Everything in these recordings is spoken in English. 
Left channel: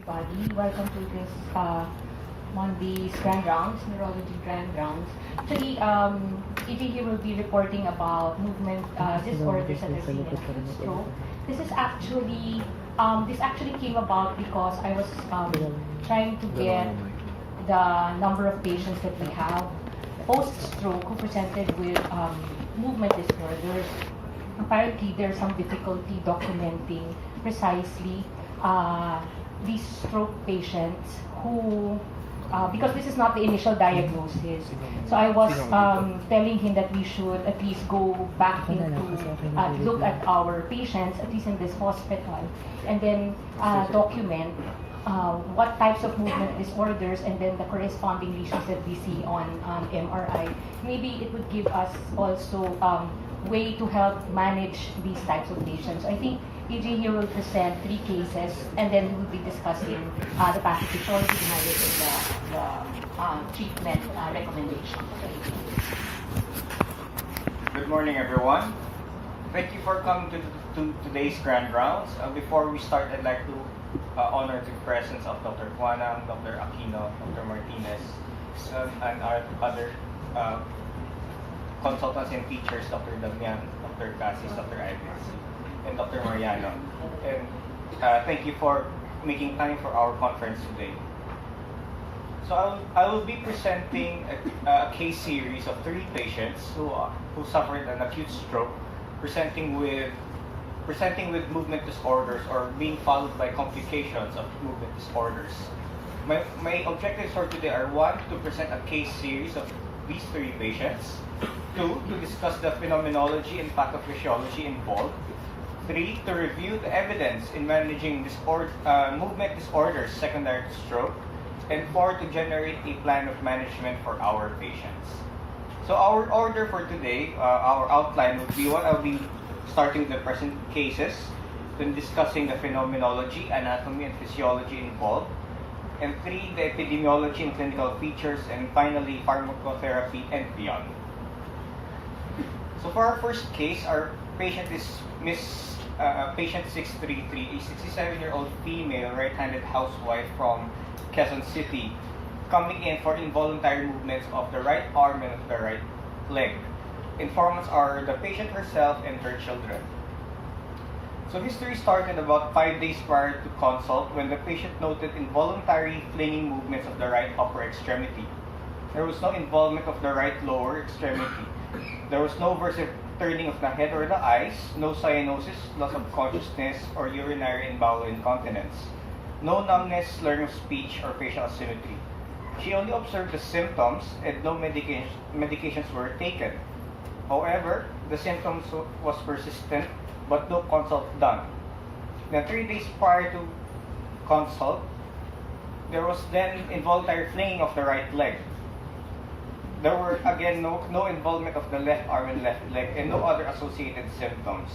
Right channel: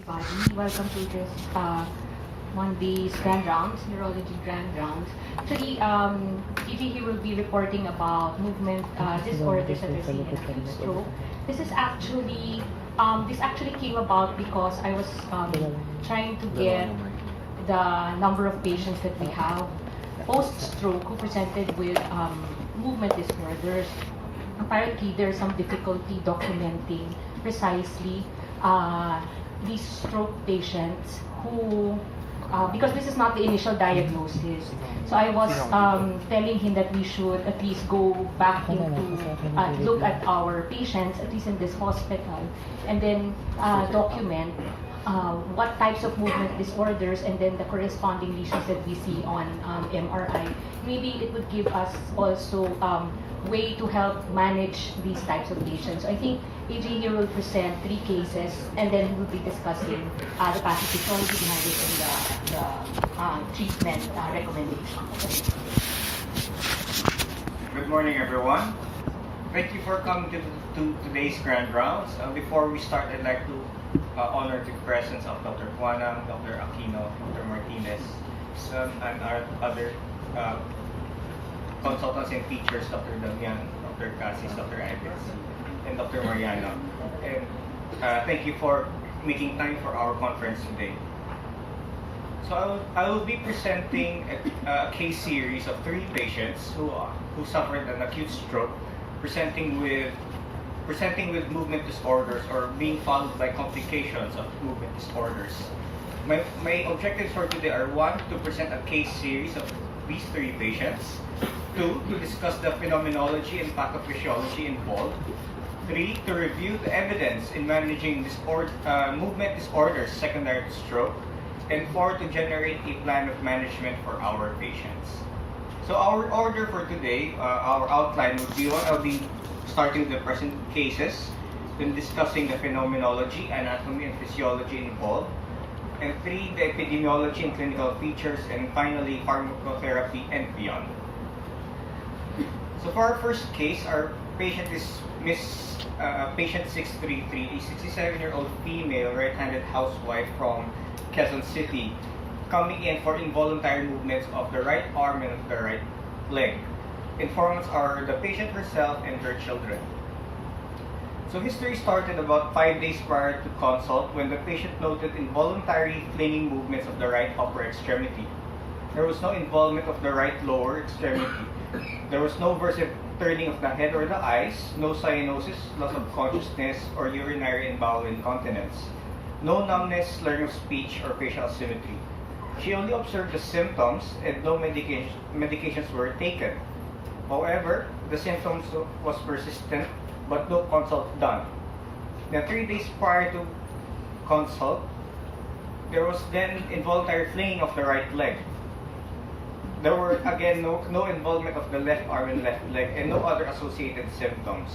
Everybody, welcome to this Monday's Grand Rounds, Neurology Grand Rounds. Actually, EG here will be reporting about movement disorders that are seen in acute stroke. This actually came about because I was trying to get the number of patients that we have post-stroke who presented with movement disorders. Apparently, there's some difficulty documenting precisely these stroke patients who, because this is not the initial diagnosis, so I was telling him that we should at least go back into look at our patients, at least in this hospital, and then document what types of movement disorders and then the corresponding lesions that we see on MRI. Maybe it would give us also way to help manage these types of patients. So I think EJ here will present 3 cases, and then we'll be discussing the packages already divided in the treatment recommendations. Good morning, everyone. Thank you for coming to today's Grand Rounds. Before we start, I'd like to honor the presence of Dr. Juana, Dr. Aquino, Dr. Martinez, and our other consultants and teachers, Dr. Damian, Dr. Cassis, Dr. Ives, and Dr. Mariano. And thank you for making time for our conference today. So I will be presenting a case series of 3 patients who suffered an acute stroke, presenting with movement disorders or being followed by complications of movement disorders. My objectives for today are 1, to present a case series of these 3 patients, 2, to discuss the phenomenology and pathophysiology involved, 3, to review the evidence in managing movement disorders secondary to stroke, and 4, to generate a plan of management for our patients. So our order for today, our outline would be what I'll be starting the present cases, then discussing the phenomenology, anatomy, and physiology involved, and 3, the epidemiology and clinical features, and finally pharmacotherapy and beyond. So for our first case, our patient is patient 633, a 67-year-old female right-handed housewife from Quezon City, coming in for involuntary movements of the right arm and of the right leg. Informants are the patient herself and her children. So history started about 5 days prior to consult when the patient noted involuntary flinging movements of the right upper extremity. There was no involvement of the right lower extremity. There was no versive turning of the head or the eyes, no cyanosis, loss of consciousness, or urinary and bowel incontinence. No numbness, slurring of speech, or facial symmetry. She only observed the symptoms and no medications were taken. However, the symptoms was persistent, but no consult done. Then 3 days prior to consult, there was then involuntary flinging of the right leg. There were again no involvement of the left arm and left leg, and no other associated symptoms.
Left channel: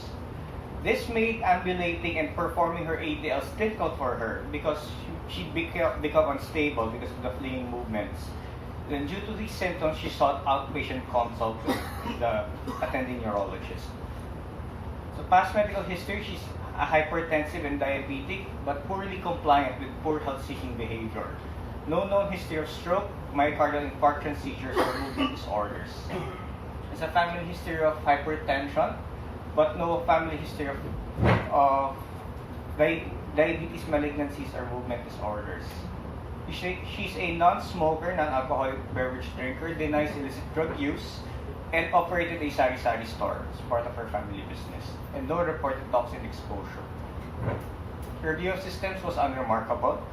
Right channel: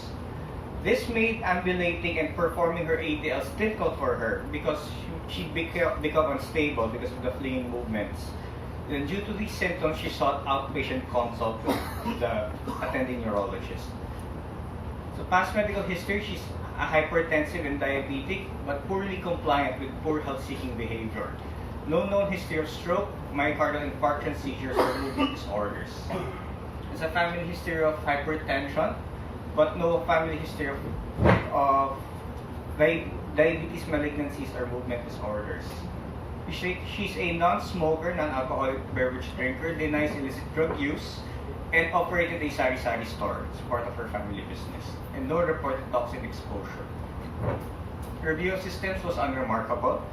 This made ambulating and performing her ADLs difficult for her because she became unstable because of the flinging movements. Then due to these symptoms, she sought outpatient consult with the attending neurologist. So past medical history, she's a hypertensive and diabetic, but poorly compliant with poor health-seeking behavior. No known history of stroke, myocardial infarction, seizures, or movement disorders. There's a family history of hypertension, but no family history of diabetes malignancies or movement disorders. She's a non-smoker, non-alcoholic beverage drinker, denies illicit drug use, and operated a sari-sari store as part of her family business, and no reported toxin exposure. Her view of systems was unremarkable.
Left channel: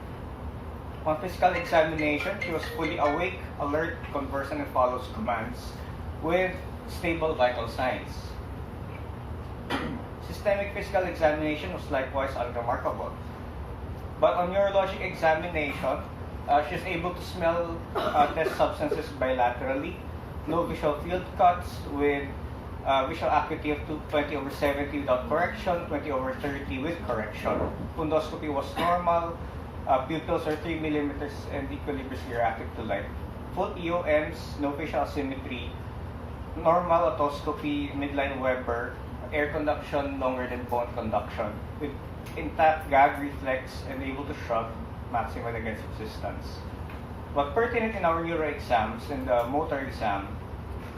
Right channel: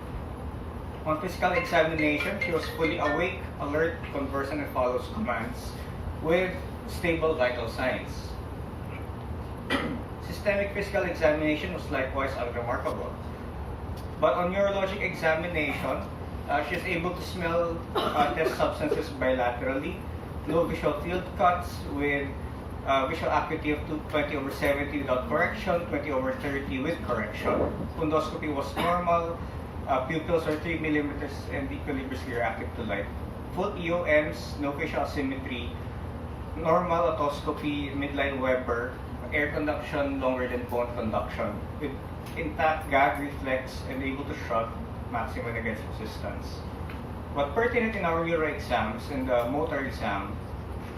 On physical examination, she was fully awake, alert, conversant, and follows commands with stable vital signs. Systemic physical examination was likewise unremarkable. But on neurologic examination, she is able to smell test substances bilaterally, no visual field cuts with visual acuity of 20/70 without correction, 20/30 with correction. Fundoscopy was normal. Pupils are 3 millimeters and equilibriously reactive to light. Full EOMs, no facial asymmetry, normal otoscopy, midline Weber, air conduction longer than bone conduction, with intact gag reflex and able to shrug, maximal against resistance. What pertinent in our neuro exams and the motor exam,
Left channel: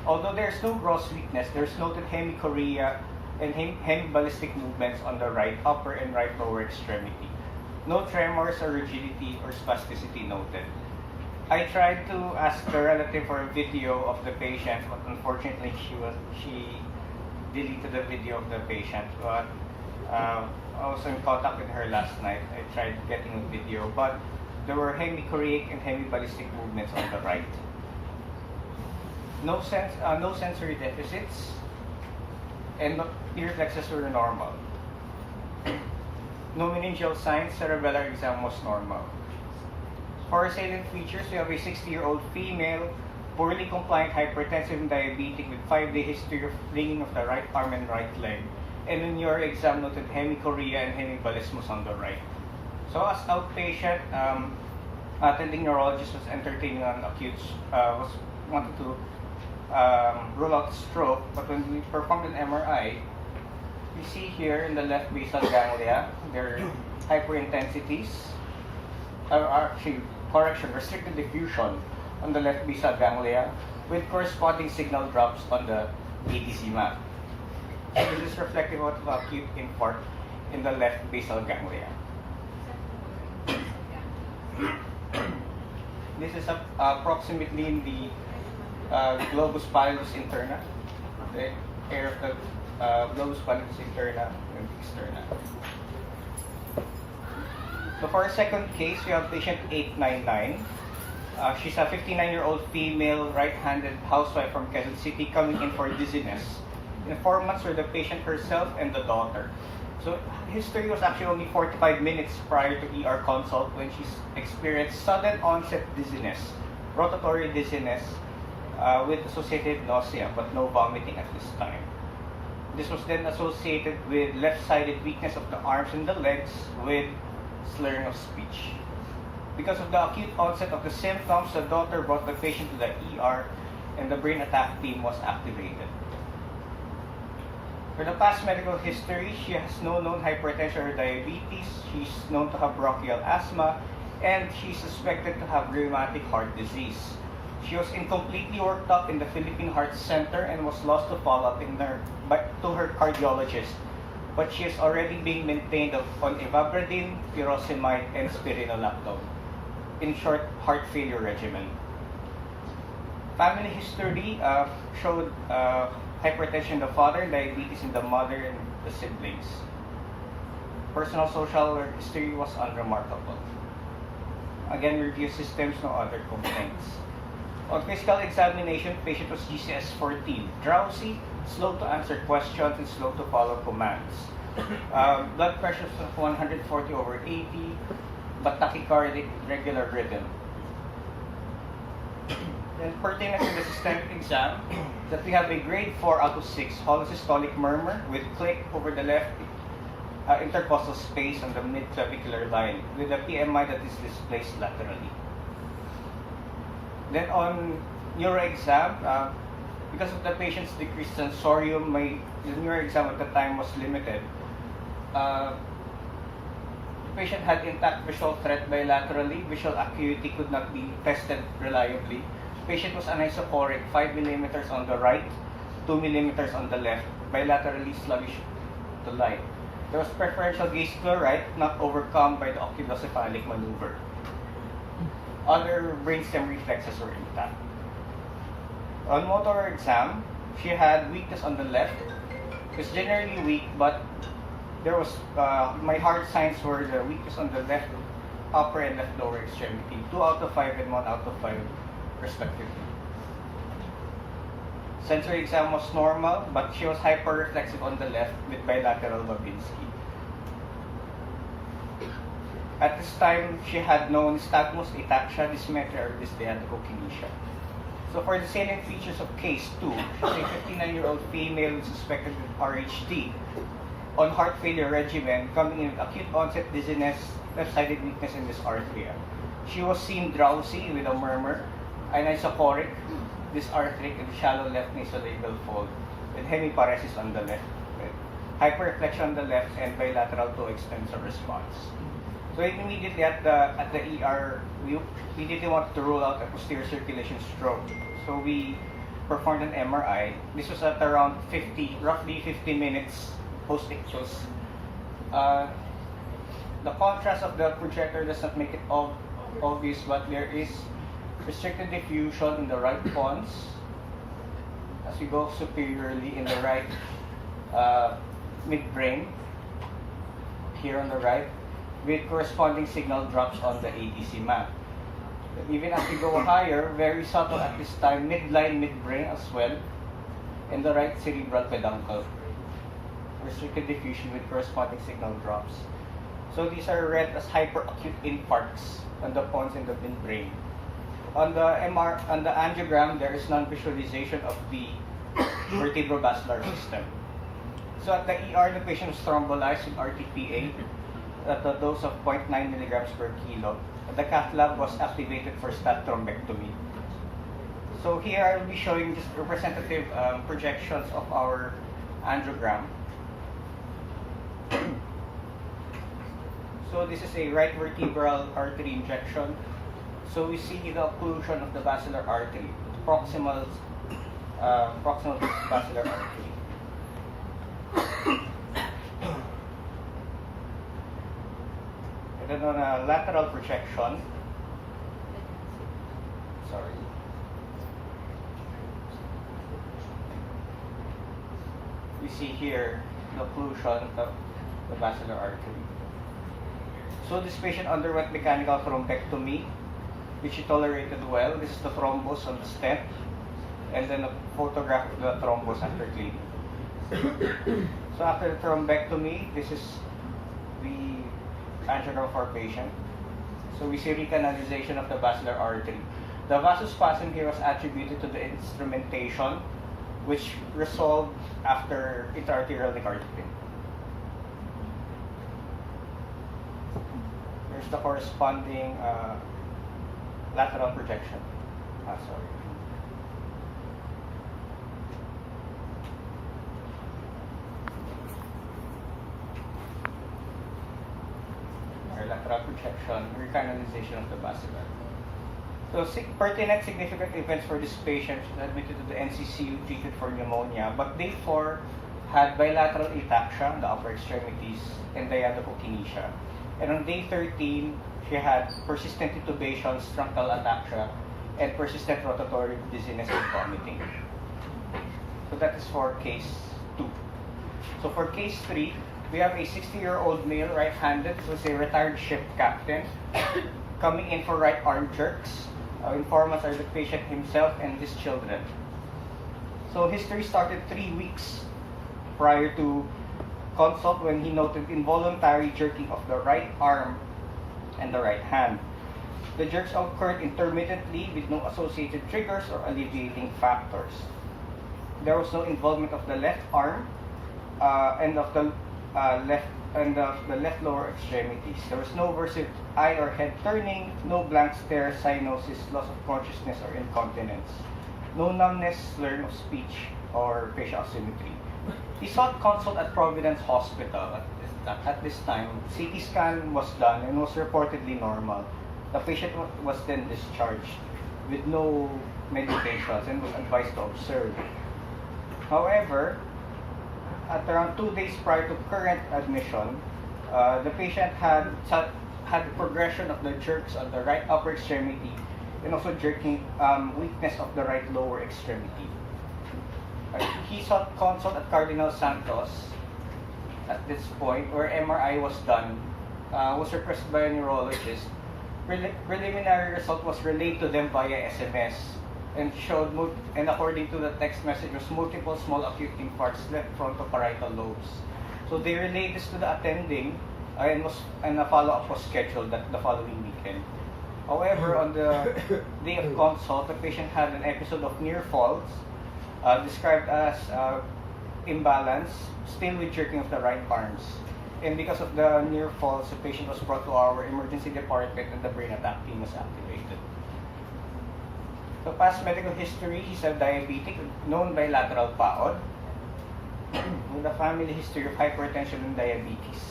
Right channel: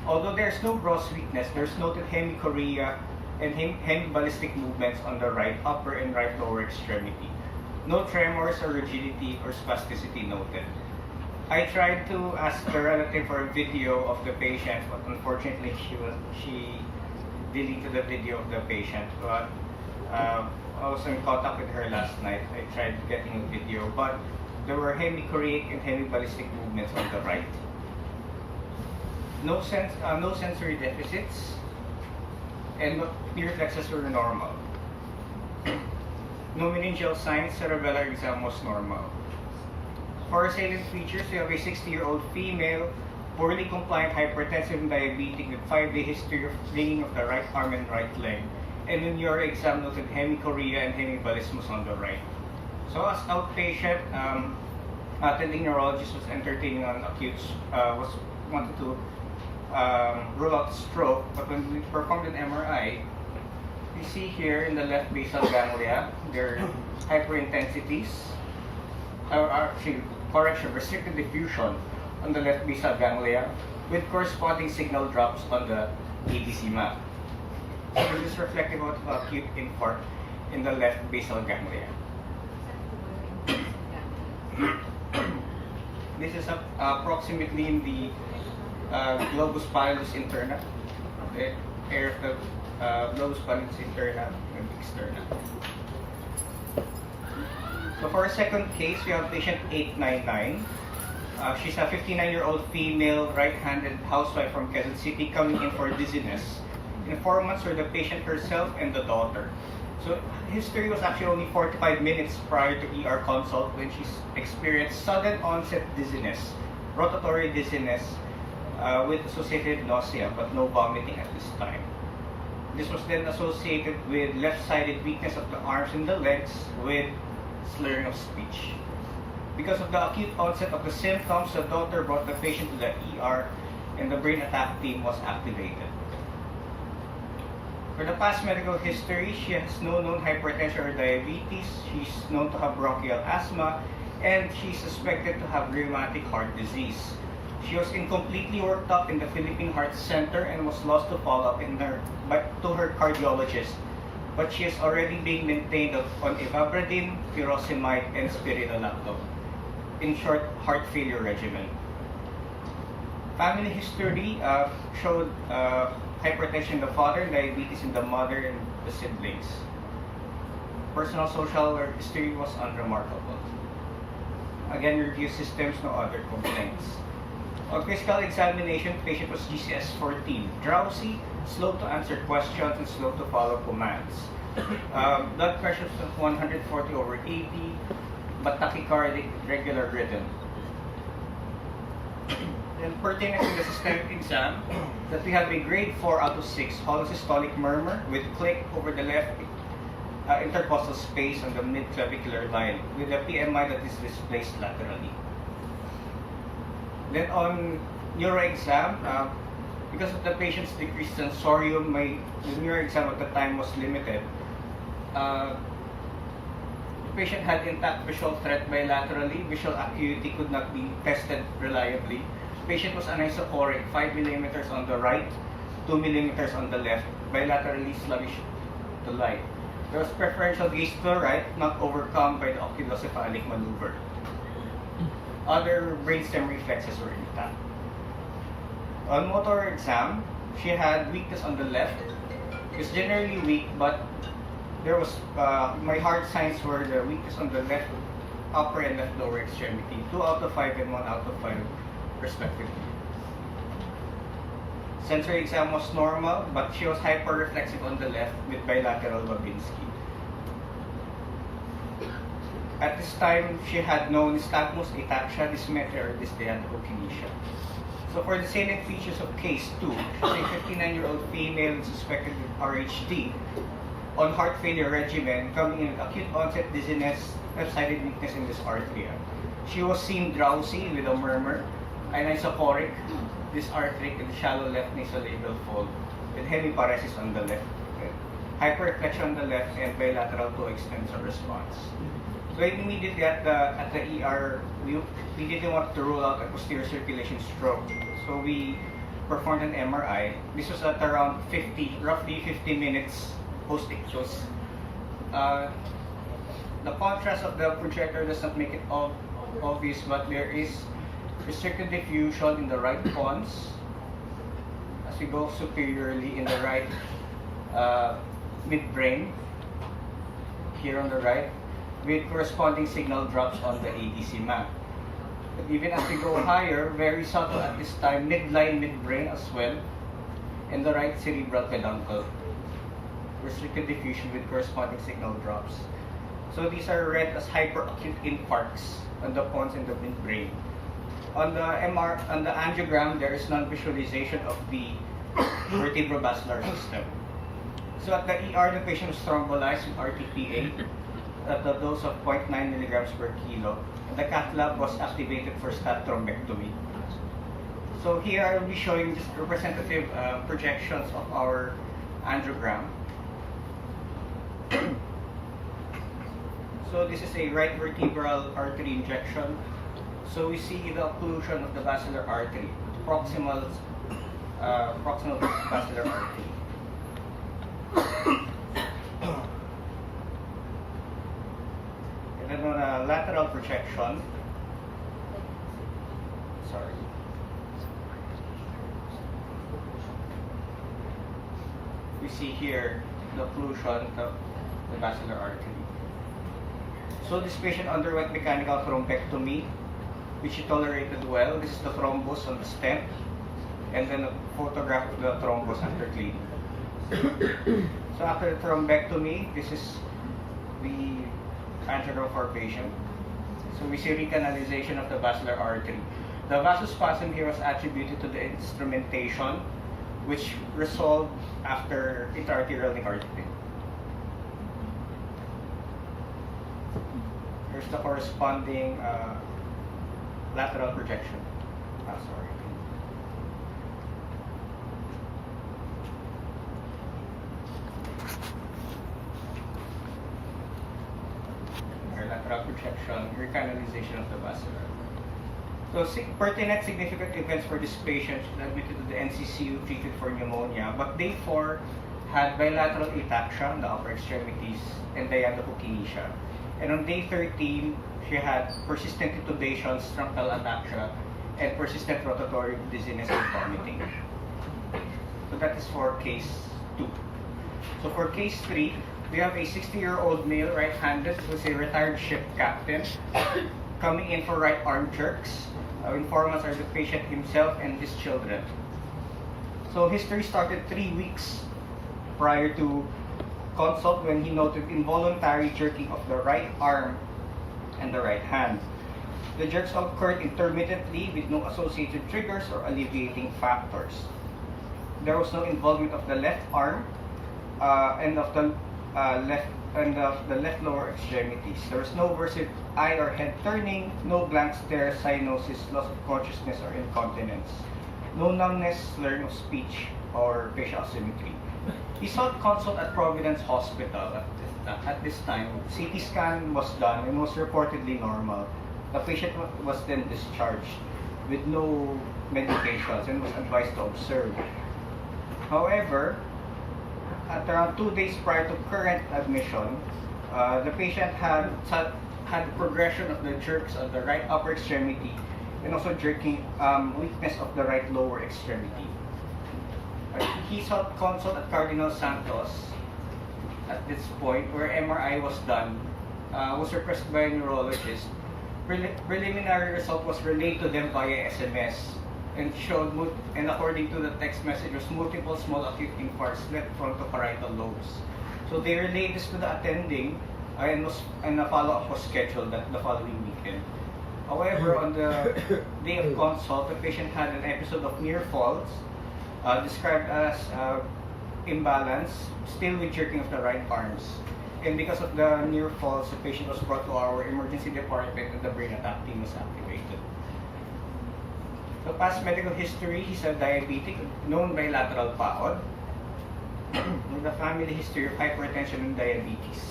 although there's no gross weakness, there's noted hemichorea and hemiballistic movements on the right upper and right lower extremity. No tremors or rigidity or spasticity noted. I tried to ask the relative for a video of the patient, but unfortunately she deleted the video of the patient. But I was in contact with her last night. I tried getting a video, but there were hemichoreic and hemiballistic movements on the right. No sensory deficits, and ear reflexes were normal. No meningeal signs. Cerebellar exam was normal. For salient features, we have a 60-year-old female, poorly compliant, hypertensive, and diabetic with 5-day history of ringing of the right arm and right leg. And in your exam noted hemichorea and hemiballismus on the right. So as outpatient, attending neurologist was entertaining on acute, wanted to rule out stroke, but when we performed an MRI, you see here in the left basal ganglia, there are hyperintensities, restricted diffusion on the left basal ganglia with corresponding signal drops on the ATC map. So this is reflective of acute infarct in the left basal ganglia. This is approximately in the globus pallidus interna, the area of the globus pallidus interna and externa. So for our second case, we have patient 899. She's a 59-year-old female right-handed housewife from Quezon City coming in for dizziness. Informants were the patient herself and the daughter. So history was actually only 45 minutes prior to ER consult when she experienced sudden onset dizziness, rotatory dizziness with associated nausea, but no vomiting at this time. This was then associated with left-sided weakness of the arms and the legs with slurring of speech. Because of the acute onset of the symptoms, the daughter brought the patient to the ER and the brain attack team was activated. For the past medical history, she has no known hypertension or diabetes, she's known to have bronchial asthma, and she's suspected to have rheumatic heart disease. She was incompletely worked up in the Philippine Heart Center and was lost to follow-up to her cardiologist, but she is already being maintained on ivabradine, furosemide, and spironolactone. In short, heart failure regimen. Family history showed hypertension in the father, diabetes in the mother, and the siblings. Personal social history was unremarkable. Again, review systems, no other complaints. On physical examination, patient was GCS 14, drowsy, slow to answer questions, and slow to follow commands. Blood pressure was 140/80, but tachycardic, regular rhythm. Then pertinent in the systemic exam, that we have a grade 4 out of 6 holosystolic murmur with click over the left intercostal space on the mid-clavicular line with a PMI that is displaced laterally. Then on neuro exam, because of the patient's decreased sensorium, the neuro exam at the time was limited. The patient had intact visual threat bilaterally. Visual acuity could not be tested reliably. Patient was anisophoric, 5 millimeters on the right, 2 millimeters on the left, bilaterally sluggish to light. There was preferential gaze to the right, not overcome by the oculocephalic maneuver. Other brainstem reflexes were intact. On motor exam, she had weakness on the left. It was generally weak, but there was my hard signs were the weakness on the left upper and left lower extremity, 2 out of 5 and 1 out of 5 respectively. Sensory exam was normal, but she was hyperreflexive on the left with bilateral Babinski. At this time, she had no nystagmus, ataxia, dysmetria, or dysdiadochokinesia. So for the salient features of case 2, she's a 59-year-old female suspected with RHD on heart failure regimen, coming in with acute onset dizziness, left-sided weakness in this artery. She was seen drowsy with a murmur, anisophoric, dysarthric, and shallow left nasolabial fold, with hemiparesis on the left, hyperreflection on the left, and bilateral toe extensor response. So immediately at the ER, we didn't want to rule out a posterior circulation stroke. So we performed an MRI. This was at around roughly 50 minutes post-ictus. The contrast of the projector does not make it obvious, but there is restricted diffusion in the right pons as we go superiorly in the right midbrain, here on the right, with corresponding signal drops on the ADC map. But even as we go higher, very subtle at this time, midline midbrain as well, in the right cerebral peduncle. Restricted diffusion with corresponding signal drops. So these are read as hyperacute infarcts on the pons in the midbrain. On the angiogram, there is non-visualization of the vertebrovascular system. So at the ER, the patient was thrombolized with RTPA at a dose of 0.9 milligrams per kilo. The cath lab was activated for stat thrombectomy. So here I will be showing just representative projections of our angiogram. So this is a right vertebral artery injection. So we see the occlusion of the basilar artery, proximal basilar artery. And then on a lateral projection, we see here the occlusion of the basilar artery. So this patient underwent mechanical thrombectomy, which he tolerated well. This is the thrombus on the stent, and then a photograph of the thrombus after cleaning. So after the thrombectomy, this is the angiogram of our patient. So we see recanalization of the basilar artery. The vasospasm here was attributed to the instrumentation, which resolved after intraarterial nicardipine. There's the corresponding lateral projection. Our lateral projection, recanalization of the vascular. So pertinent significant events for this patient admitted to the NCCU treated for pneumonia, but day 4 had bilateral ataxia on the upper extremities and diadochokinesia. And on day 13, she had persistent intubation, truncal ataxia, and persistent rotatory dizziness and vomiting. So that is for case 2. So for case 3, we have a 60-year-old male right-handed who is a retired ship captain coming in for right arm jerks. Informants are the patient himself and his children. So history started 3 weeks prior to consult when he noted involuntary jerking of the right arm and the right hand. The jerks occurred intermittently with no associated triggers or alleviating factors. There was no involvement of the left arm and of the left lower extremities. There was no versive eye or head turning, no blank stare, cyanosis, loss of consciousness or incontinence, no numbness, slurring of speech, or facial symmetry. He sought consult at Providence Hospital at this time. CT scan was done and was reportedly normal. The patient was then discharged with no medications and was advised to observe. However, at around 2 days prior to current admission, the patient had progression of the jerks of the right upper extremity and also jerking weakness of the right lower extremity. He sought consult at Cardinal Santos at this point, where MRI was done, was requested by a neurologist. Preliminary result was relayed to them via SMS and showed, and according to the text message, was multiple small acute infarcts left frontoparietal lobes. So they relayed this to the attending, and a follow-up was scheduled the following weekend. However, on the day of consult, the patient had an episode of near falls, described as imbalance, still with jerking of the right arms. And because of the near falls, the patient was brought to our emergency department and the brain attack team was activated. So past medical history, he's a diabetic, known bilateral PAOD, with a family history of hypertension and diabetes.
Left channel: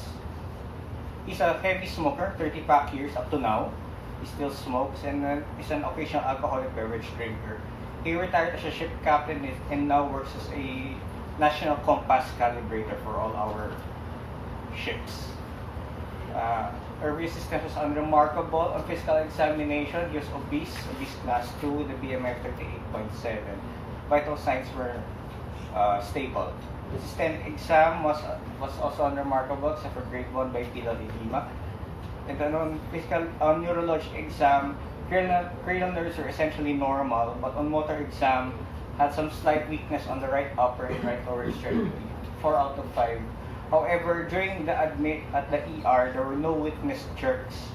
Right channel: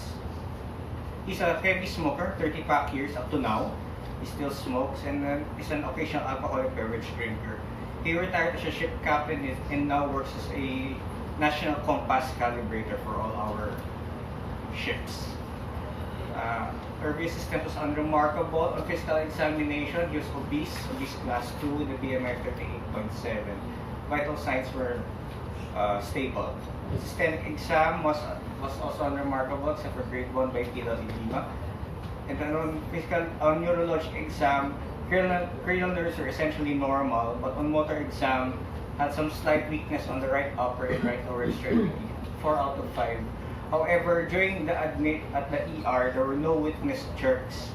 He's a heavy smoker, 30-pack years up to now. He still smokes and is an occasional alcoholic beverage drinker. He retired as a ship captain and now works as a national compass calibrator for all our ships. Our resistance was unremarkable. On physical examination, he was obese class 2 with a BMI 38.7. Vital signs were stable. His systemic exam was also unremarkable except for grade 1 bipedal edema. And then on neurology exam, cranial nerves are essentially normal, but on motor exam, had some slight weakness on the right upper and right lower extremity, 4 out of 5. However, during the admit at the ER, there were no witnessed jerks.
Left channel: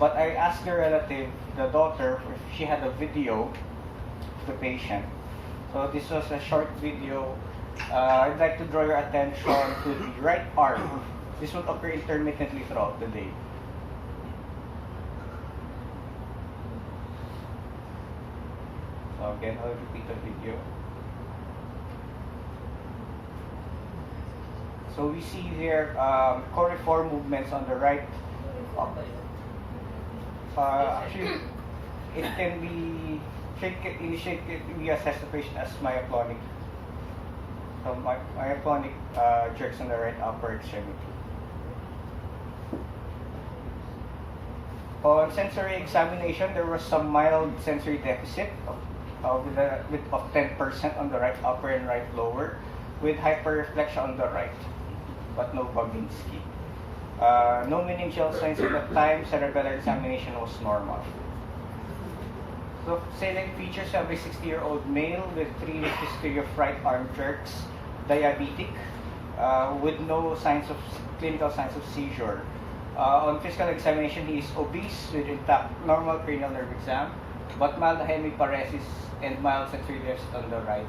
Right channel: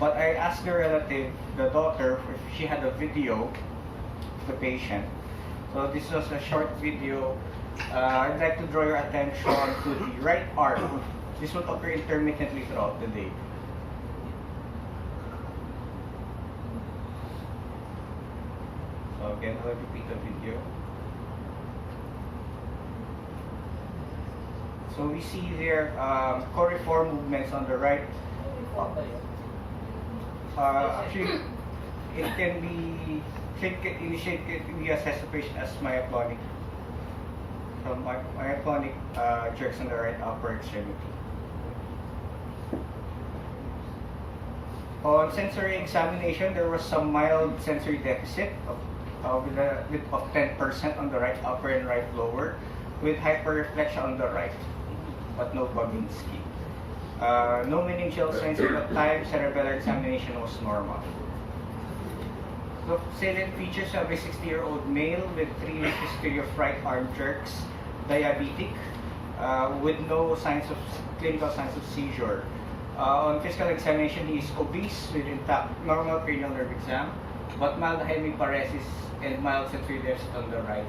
But I asked the relative, the daughter, if she had a video of the patient. So this was a short video. I'd like to draw your attention to the right arm. This will occur intermittently throughout the day. So again, I'll repeat the video. So we see there coriform movements on the right. Actually, it can be assessed the patient as myoclonic. So myoclonic jerks on the right upper extremity. On sensory examination, there was some mild sensory deficit of 10% on the right upper and right lower, with hyperreflection on the right, but no Babinski. No meningeal sense at the time. Cerebellar examination was normal. So salient features of a 60-year-old male with 3 years history of right arm jerks, diabetic, with no clinical signs of seizure. On physical examination, he is obese with intact normal cranial nerve exam, but mild hemiparesis and mild sensory deficit on the right,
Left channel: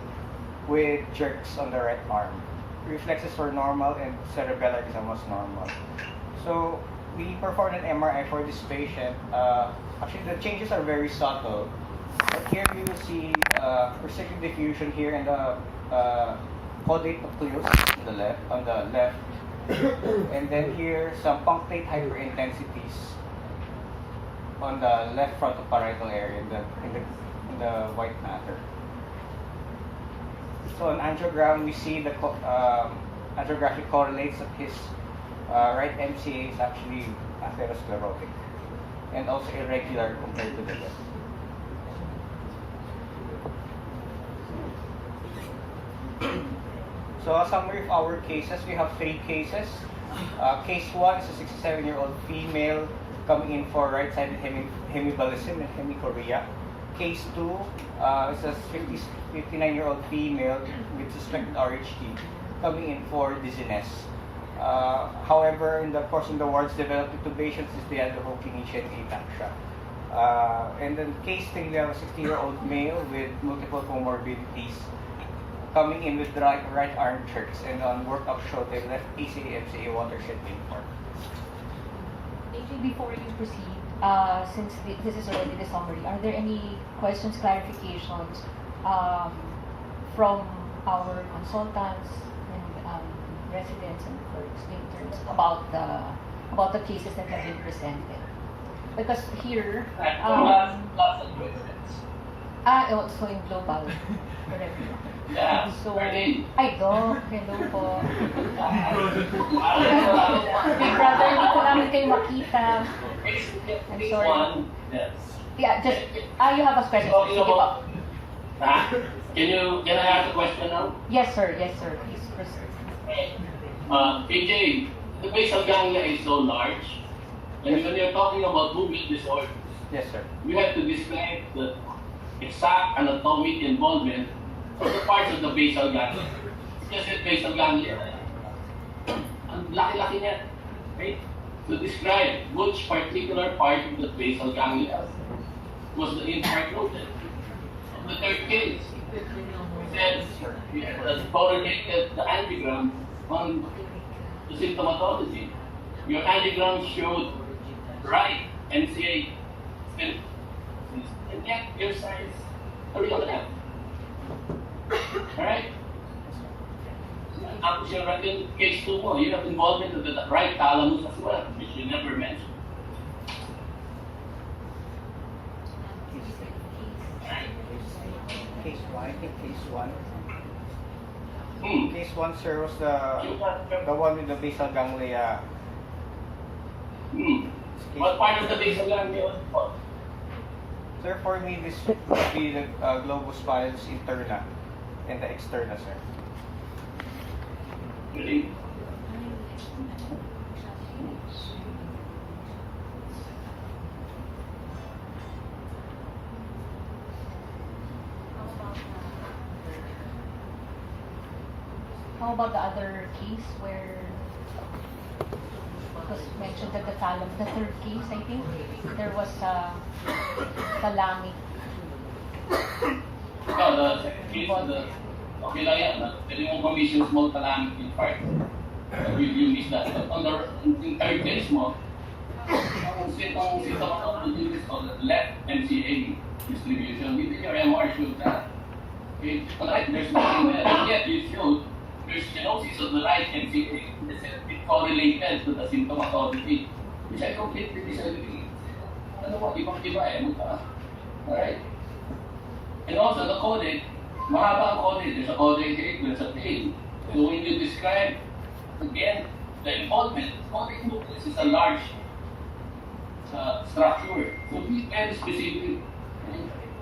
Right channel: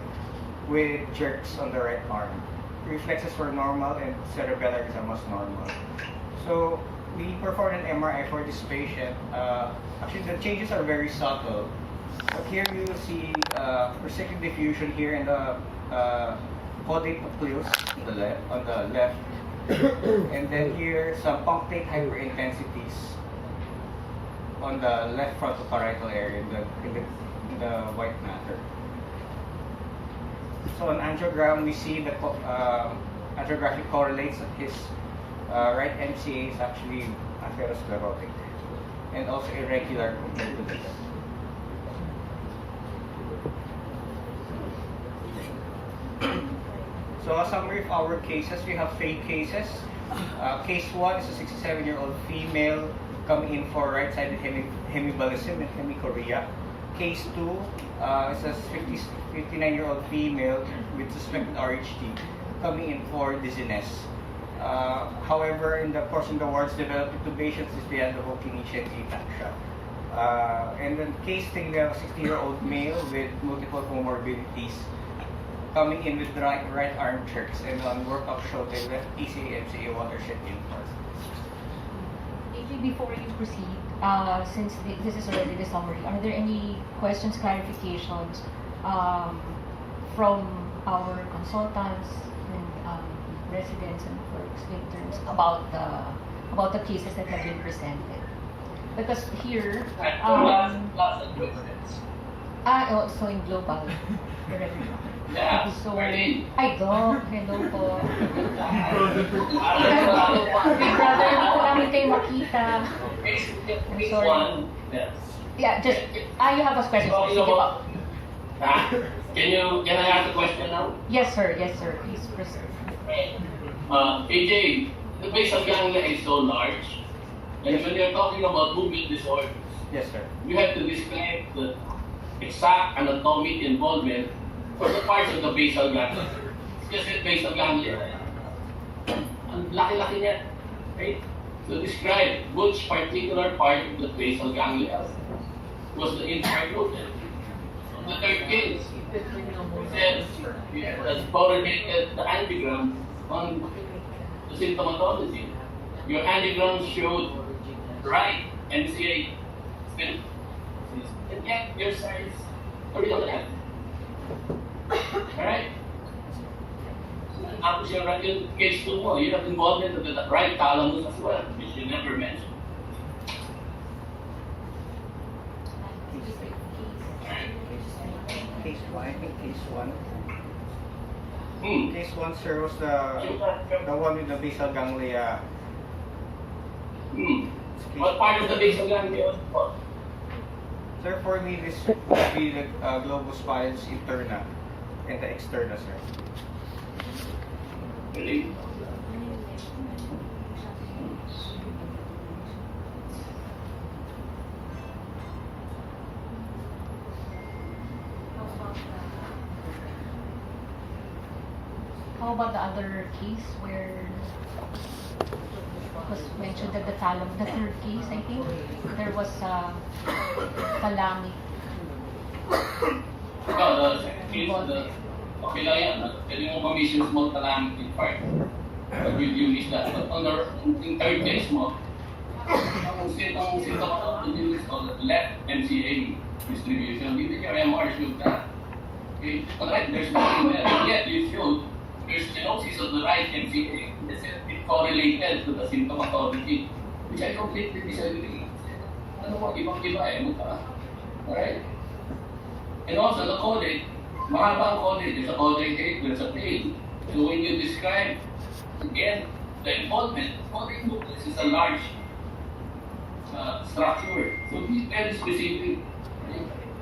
with jerks on the right arm. Reflexes were normal and cerebellar exam was normal. So we performed an MRI for this patient. Actually, the changes are very subtle. Here you will see residual diffusion here in the caudate nucleus on the left, and then here some punctate hyperintensities on the left frontoparietal area in the white matter. So on angiogram, we see the angiographic correlates that his right MCA is actually atherosclerotic and also irregular compared to this. So a summary of our cases, we have 3 cases. Case 1 is a 67-year-old female coming in for right-sided hemiballism and hemichorea. Case 2 is a 59-year-old female with suspected RHD coming in for dizziness. However, in the course of the wards, developed intubation since they had the whole clinician ataxia. And then case 3, we have a 60-year-old male with multiple comorbidities coming in with right arm jerks, and on workup showed they left PCA, MCA, watershed infarct. Before you proceed, since this is already the summary, are there any questions, clarifications from our consultants and residents and clerks, interns about the cases that have been presented? Because here, also in global. Yeah. So, ay, Doc, hello po. Big brother, hindi ko namin kayo makita. I'm sorry. Yeah, just, you have a question. Sige po. Can I ask a question now? Yes, sir. Please proceed. AJ, the basal ganglia is so large. And when you're talking about movement disorders, Yes, sir. you have to describe the exact anatomic involvement for the parts of the basal ganglia. Just the basal ganglia. Ang laki-laki niya. Right? So describe which particular part of the basal ganglia was the infarct movement. The third case, said you had correlated the angiogram on the symptomatology. Your angiogram showed right MCA spin, and yet your signs are real left. Alright? tapos yung case 2 mo, you have involvement of the right thalamus as well, which you never mentioned. Case 1, I think case 1. Hmm. Case 1, sir, was the one with the basal ganglia. Hmm. What part of the basal ganglia? Sir, for me, this would be the globus pallidus interna and the externa, sir. Really? How about the other case where it was mentioned that the thalamus, the third case, I think, there was thalamic. Well, the second case, okay lang yan. Pwede mong commission small thalamic infarct. You miss that. But on the third case mo, ang symptom you miss on the left MCA distribution. Even your MR showed that. Okay, but right, there's nothing there. Yet you showed there's stenosis of the right MCA. It correlated to the symptomatology, which I completely disagree. Ano mo, ibang-iba mukha. Alright? And also the codec, mahaba ang codec. There's a codec 8, there's a pain. So when you describe, again, the involvement, codec nucleus is a large structure. So be very specific.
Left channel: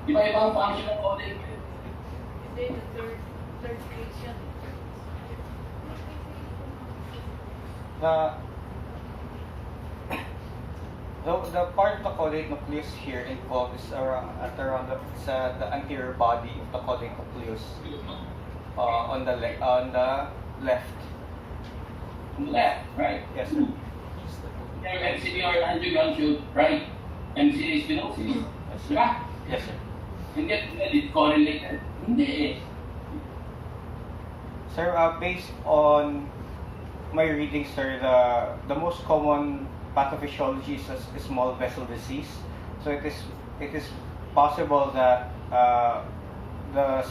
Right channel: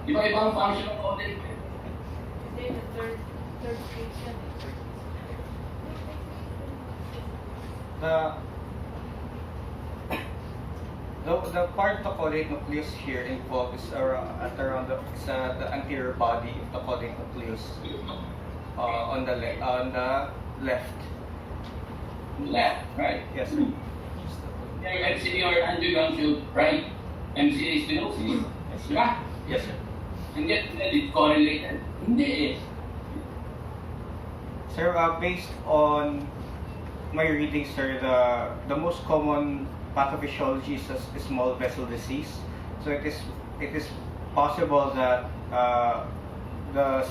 Iba-ibang function ng codec. The third case yan. The part of the caudate nucleus here involved is around the anterior body of the caudate nucleus on the left. Left, right? Yes, sir. Your MCA or angiogram should right MCA stenosis. Diba? Yes, sir. And yet, it correlated. Hindi eh. Sir, based on my reading, sir, the most common pathophysiology is a small vessel disease. So it is possible that the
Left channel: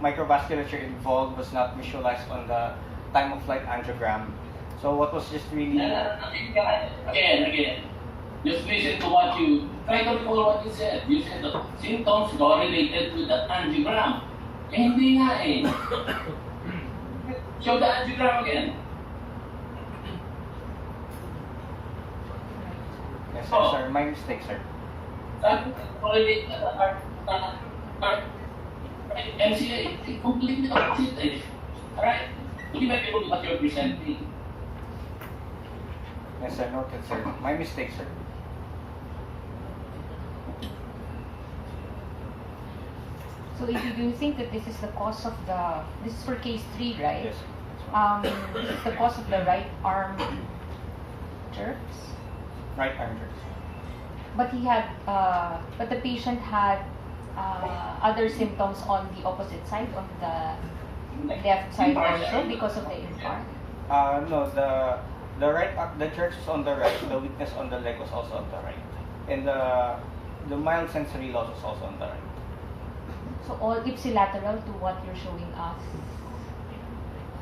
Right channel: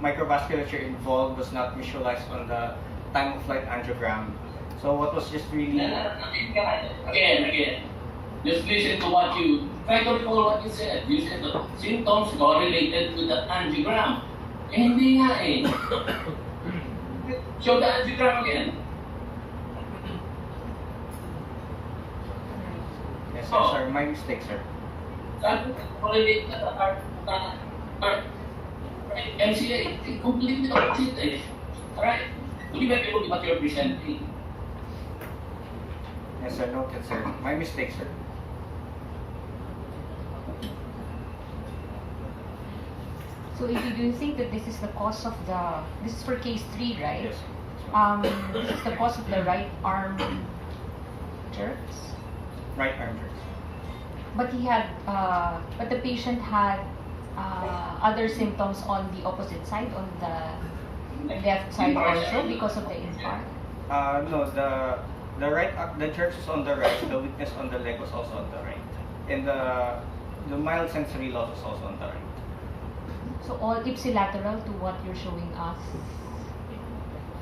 microvasculature involved was not visualized on the time of flight angiogram. So what was just really Again. Just listen to what you try to recall what you said. You said the symptoms correlated with the angiogram. Eh, hindi nga eh. Show the angiogram again. yes, sir, sir. My mistake, sir. Sabi ko, correlated na MCA, completely opposite eh. Alright? Hindi ba people what you're presenting? Yes, sir. Noted, sir. My mistake, sir. So do you think that this is the cause of this is for case 3, right? Yes. This is the cause of the right arm jerks? Right arm jerk. But but the patient had other symptoms on the opposite side, on the left side also because of the infarct? No, the jerks was on the right, the weakness on the leg was also on the right. And the mild sensory loss was also on the right. So all ipsilateral to what you're showing us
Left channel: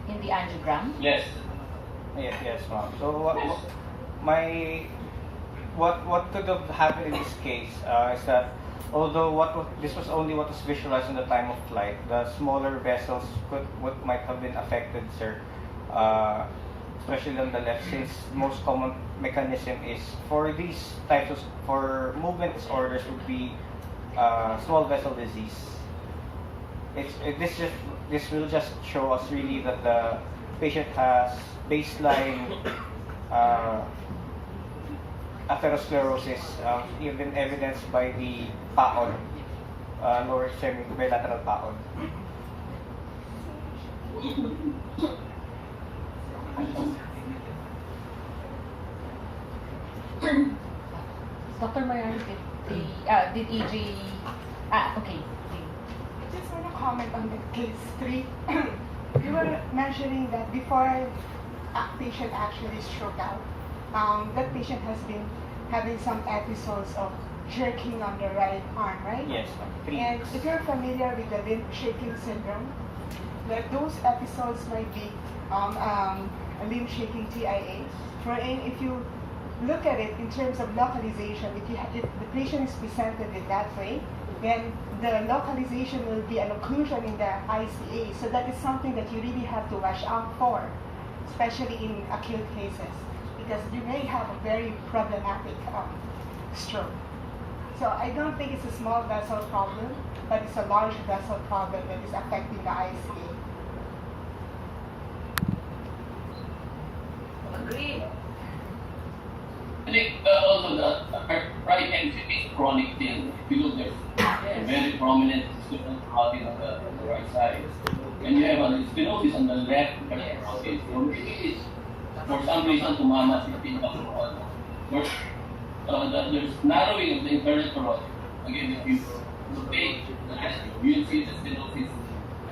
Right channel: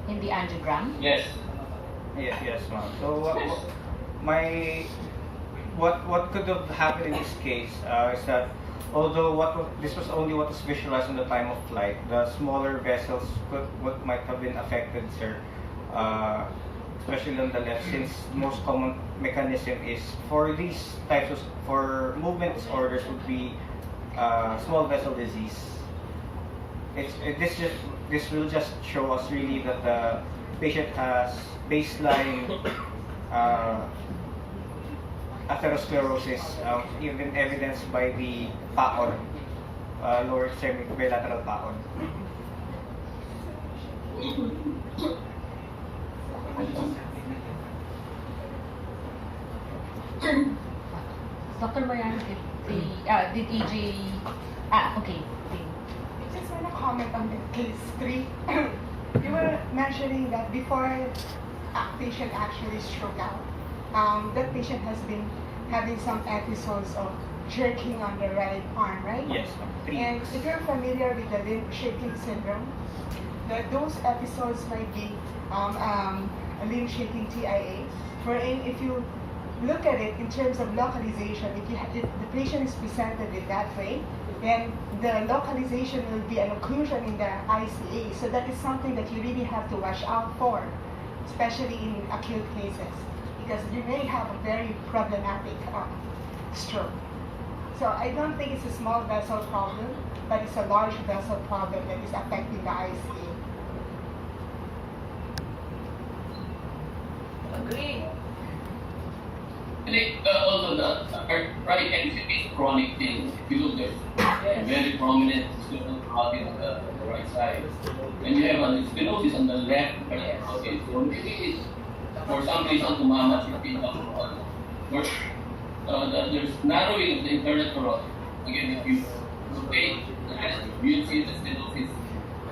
in the angiogram? Yes. Yes, ma'am. So what could have happened in this case is that although this was only what was visualized in the time of flight, the smaller vessels might have been affected, sir. Especially on the left, since most common mechanism is for these types of movement disorders would be small vessel disease. This will just show us really that the patient has baseline atherosclerosis, even evidenced by the paon, lower extremity bilateral paon. Dr. Mariano, did EJ... okay. I just want to comment on the case 3. You were mentioning that before a patient actually struck out, that patient has been having some episodes of jerking on the right arm, right? Yes, And if you're familiar with the limb shaking syndrome, those episodes might be a limb shaking TIA, wherein if you look at it in terms of localization, if the patient is presented in that way, then the localization will be an occlusion in the ICA. So that is something that you really have to watch out for, especially in acute cases, because you may have a very problematic stroke. So I don't think it's a small vessel problem, but it's a large vessel problem that is affecting the ICA. Agree. I think also the right exit is chronic thing. If you look, there's a very prominent stenosis on the right side. And you have a stenosis on the left. Yes. Okay, so really, for some reason, tumama 15 there's narrowing of the internal carotid. Again, if you rotate the head, you'll see the stenosis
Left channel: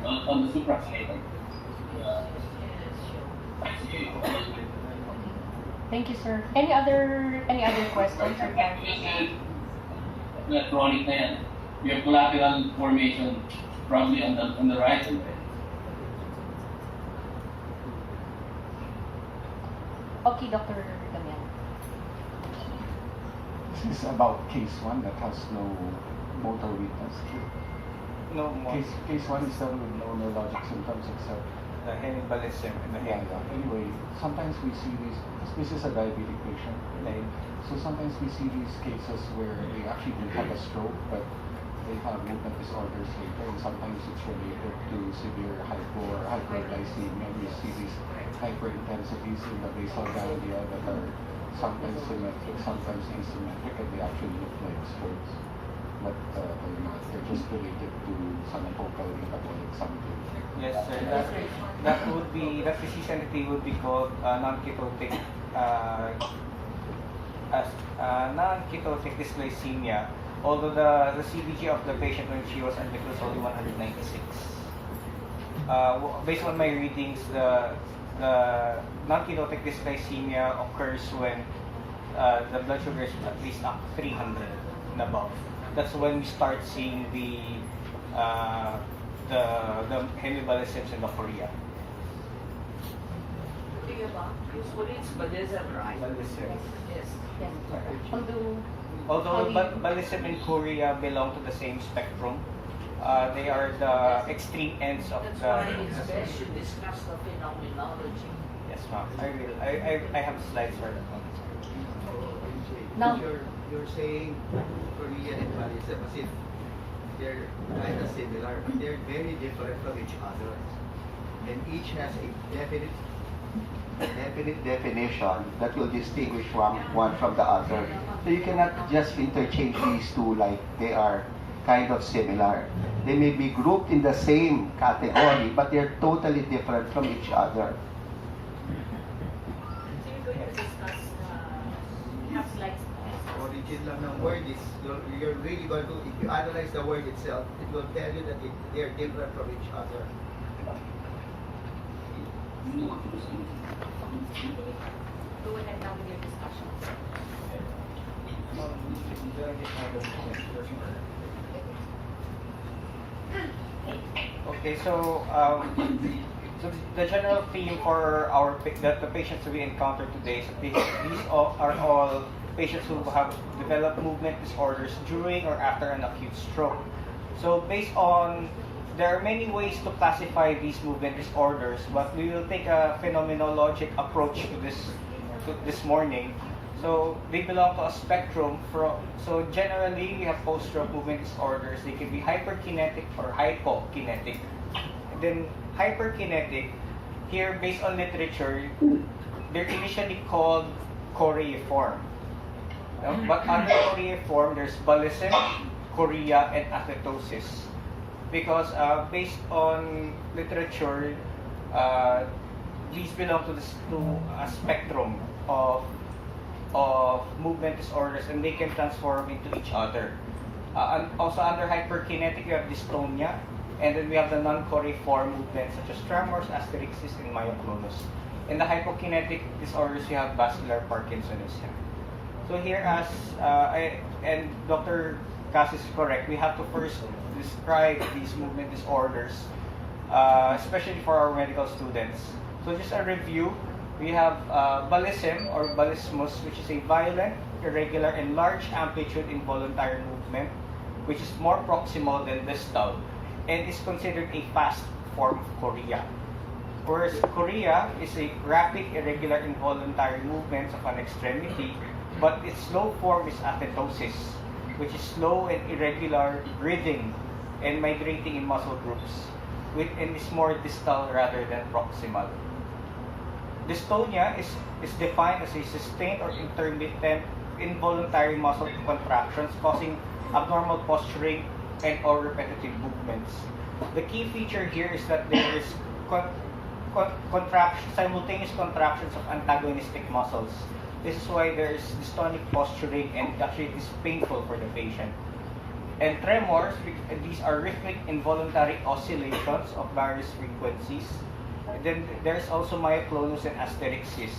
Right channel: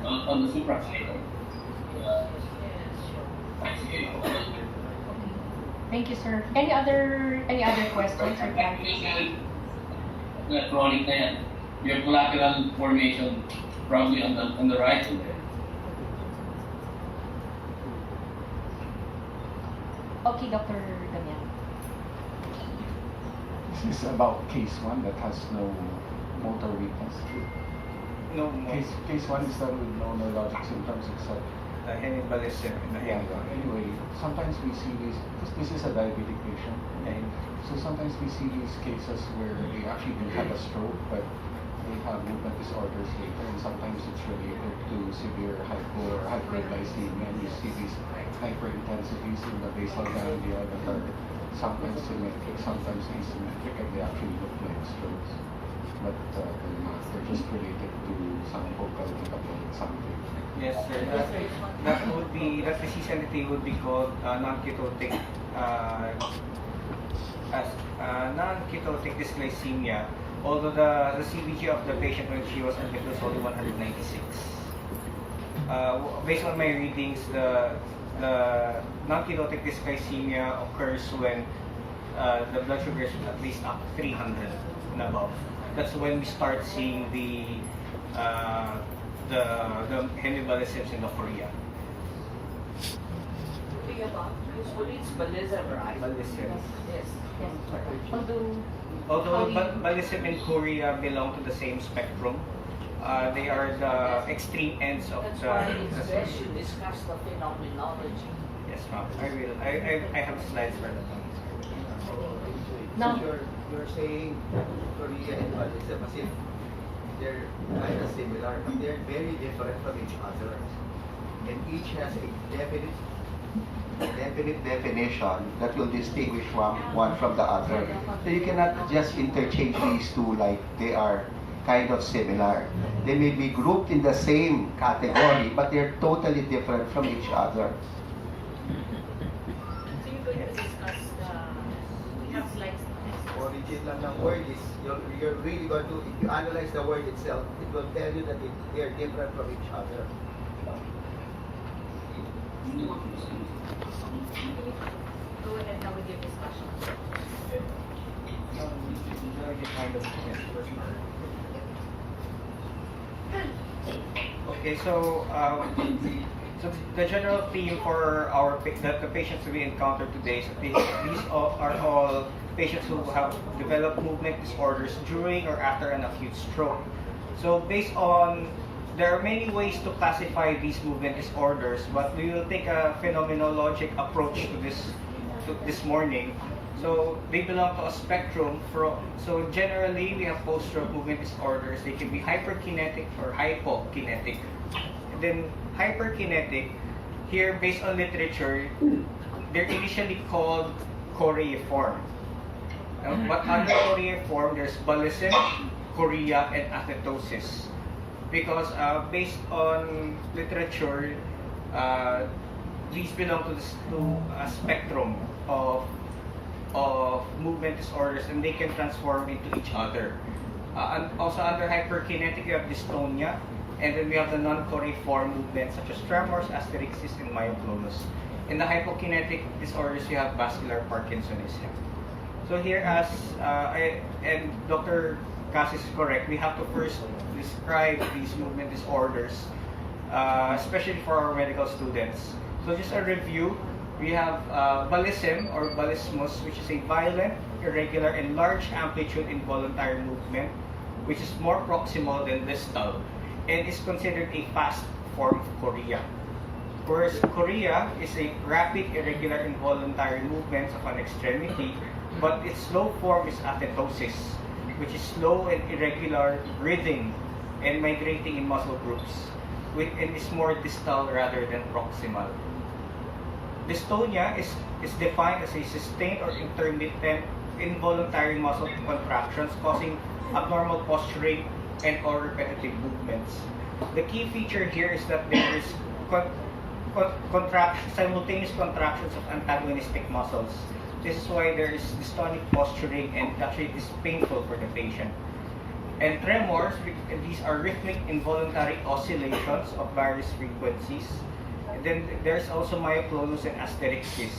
on the suprachiasmatic. Thank you, sir. Any other questions or comments? The chronic na yan. You have collateral formation probably on the right side. Okay, Dr. Damian. This is about case 1 that has no motor weakness. No more. Case 1 is done with no neurologic symptoms except Hemibalism in the hand. anyway, sometimes we see these, because this is a diabetic patient, okay? So sometimes we see these cases where they actually didn't have a stroke, but they have movement disorders later, and sometimes it's related to severe hypo or hyperglycemia, and you see these hyperintensities in the basal ganglia that are sometimes symmetric, sometimes asymmetric, and they actually look like strokes. But they're not. They're just related to some focal incapacity something. Yes, sir. That disease entity would be called non-ketotic as non-ketotic dysglycemia. Although the CBG of the patient when she was admitted was only 196. Based on my readings, the non-ketotic dysglycemia occurs when the blood sugar is at least up 300 and above. That's when we start seeing the hemibalisms in the chorea. Usually it's balism, right? Balisms. Yes. Although balism and chorea belong to the same spectrum, they are the extreme ends of That's the. why it's best you discuss the phenomenology. Yes, ma'am. I will. I have slides for that one. No. You're saying Korea and Malaysia as if they're kind of similar, but they're very different from each other. And each has a definite definition that will distinguish one from the other. So you cannot just interchange these two like they are kind of similar. They may be grouped in the same category, but they're totally different from each other. So you're going to discuss we have slides. Origin lang ng word is, you're really going to, if you analyze the word itself, it will tell you that they're different from each other. Go ahead now with your discussion. Okay, so the general theme for the patients we encounter today is these are all patients who have developed movement disorders during or after an acute stroke. So based on, there are many ways to classify these movement disorders, but we will take a phenomenologic approach to this morning. So they belong to a spectrum. So generally, we have post-stroke movement disorders. They can be hyperkinetic or hypokinetic. And then hyperkinetic, here based on literature, they're initially called choreiform. But under choreiform, there's balism, chorea, and athetosis. Because based on literature, these belong to a spectrum of movement disorders, and they can transform into each other. And also under hyperkinetic, we have dystonia, and then we have the non-choreiform movements such as tremors, asterixis, and myoclonus. In the hypokinetic disorders, we have vascular Parkinsonism. So here, as and Dr. Cassis is correct, we have to first describe these movement disorders, especially for our medical students. So just a review, we have ballism or balismus, which is a violent, irregular, and large amplitude involuntary movement, which is more proximal than distal, and is considered a fast form of chorea. Whereas chorea is a rapid, irregular, involuntary movements of an extremity, but its slow form is athetosis, which is slow and irregular breathing and migrating in muscle groups, and is more distal rather than proximal. Dystonia is defined as a sustained or intermittent involuntary muscle contractions causing abnormal posturing and or repetitive movements. The key feature here is that there is simultaneous contractions of antagonistic muscles. This is why there is dystonic posturing, and actually it is painful for the patient. And tremors, these are rhythmic involuntary oscillations of various frequencies. And then there's also myoclonus and asterixis.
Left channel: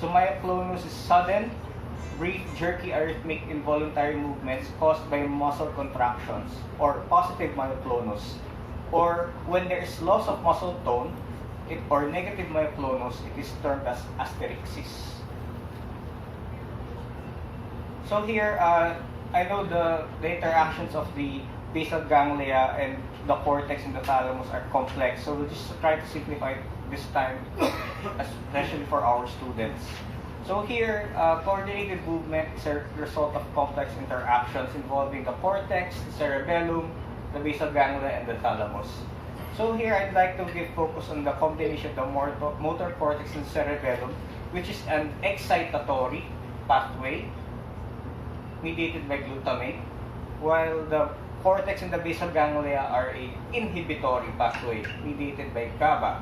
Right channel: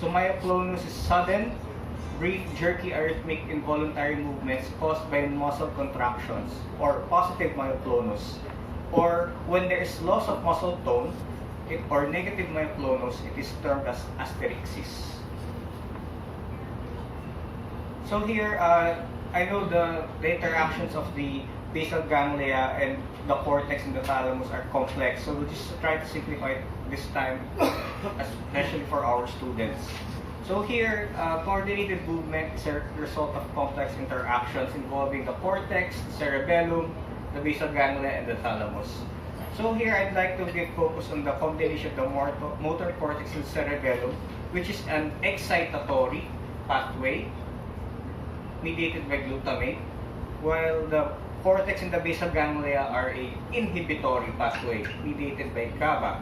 So myoclonus is sudden, brief, jerky, arrhythmic involuntary movements caused by muscle contractions, or positive myoclonus. Or when there is loss of muscle tone, or negative myoclonus, it is termed as asterixis. So here, I know the interactions of the basal ganglia and the cortex and the thalamus are complex, so we'll just try to simplify it this time, especially for our students. So here, coordinated movement is a result of complex interactions involving the cortex, the cerebellum, the basal ganglia, and the thalamus. So here, I'd like to give focus on the combination of the motor cortex and cerebellum, which is an excitatory pathway mediated by glutamate, while the cortex and the basal ganglia are a inhibitory pathway mediated by GABA.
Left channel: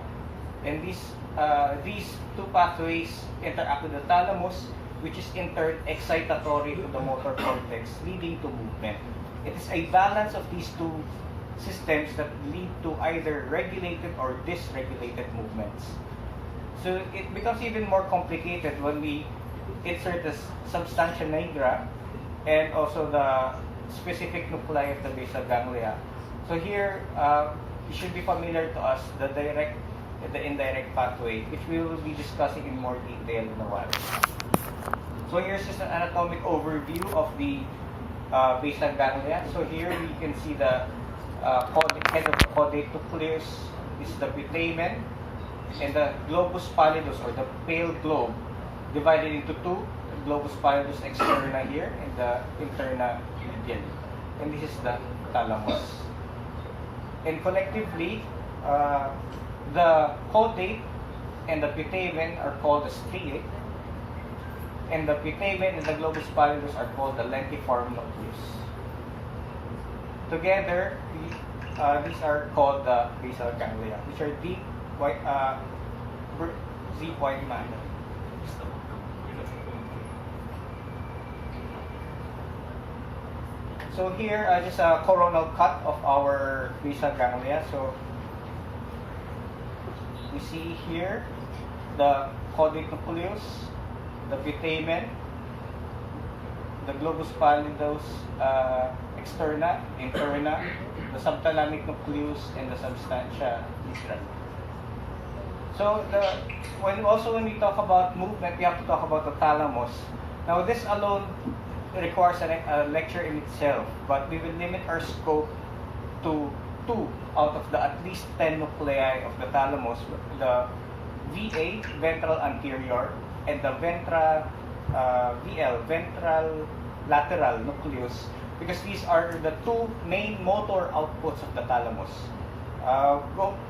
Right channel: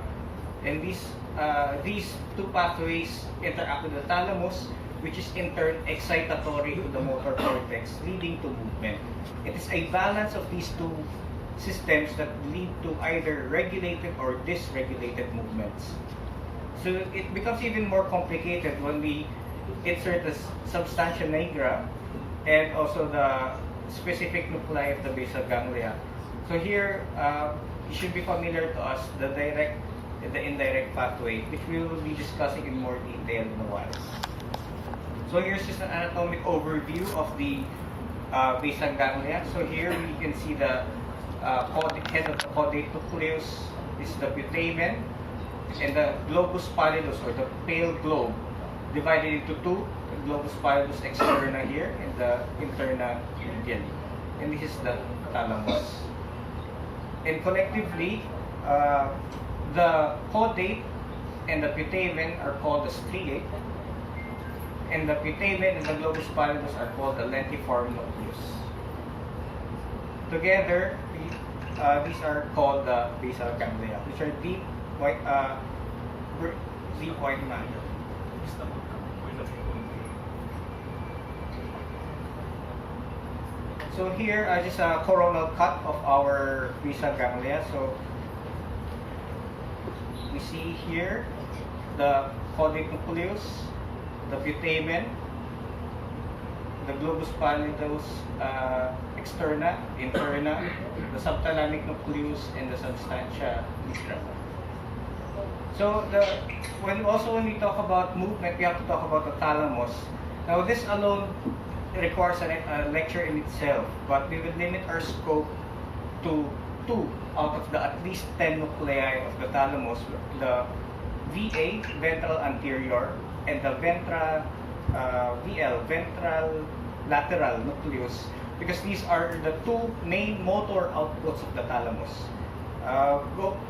And these two pathways interact with the thalamus, which is in turn excitatory to the motor cortex, leading to movement. It is a balance of these two systems that lead to either regulated or dysregulated movements. So it becomes even more complicated when we insert the substantia nigra and also the specific nuclei of the basal ganglia. So here, it should be familiar to us the direct and the indirect pathway, which we will be discussing in more detail in a while. So here's just an anatomic overview of the basal ganglia. So here we can see the head of the caudate nucleus. This is the putamen, and the globus pallidus, or the pale globe, divided into two. The globus pallidus externa here and the interna medially. And this is the thalamus. And collectively, the caudate and the putamen are called the striate, and the putamen and the globus pallidus are called the lentiform nucleus. Together, these are called the basal ganglia, which are deep white matter. So here, just a coronal cut of our basal ganglia. So you see here the caudate nucleus, the putamen, the globus pallidus externa, interna, the subthalamic nucleus, and the substantia nigra. So when we talk about movement, we have to talk about the thalamus. Now this alone requires a lecture in itself, but we will limit our scope to 2 out of the at least 10 nuclei of the thalamus, the VA, ventral anterior, and the ventral lateral nucleus, because these are the 2 main motor outputs of the thalamus.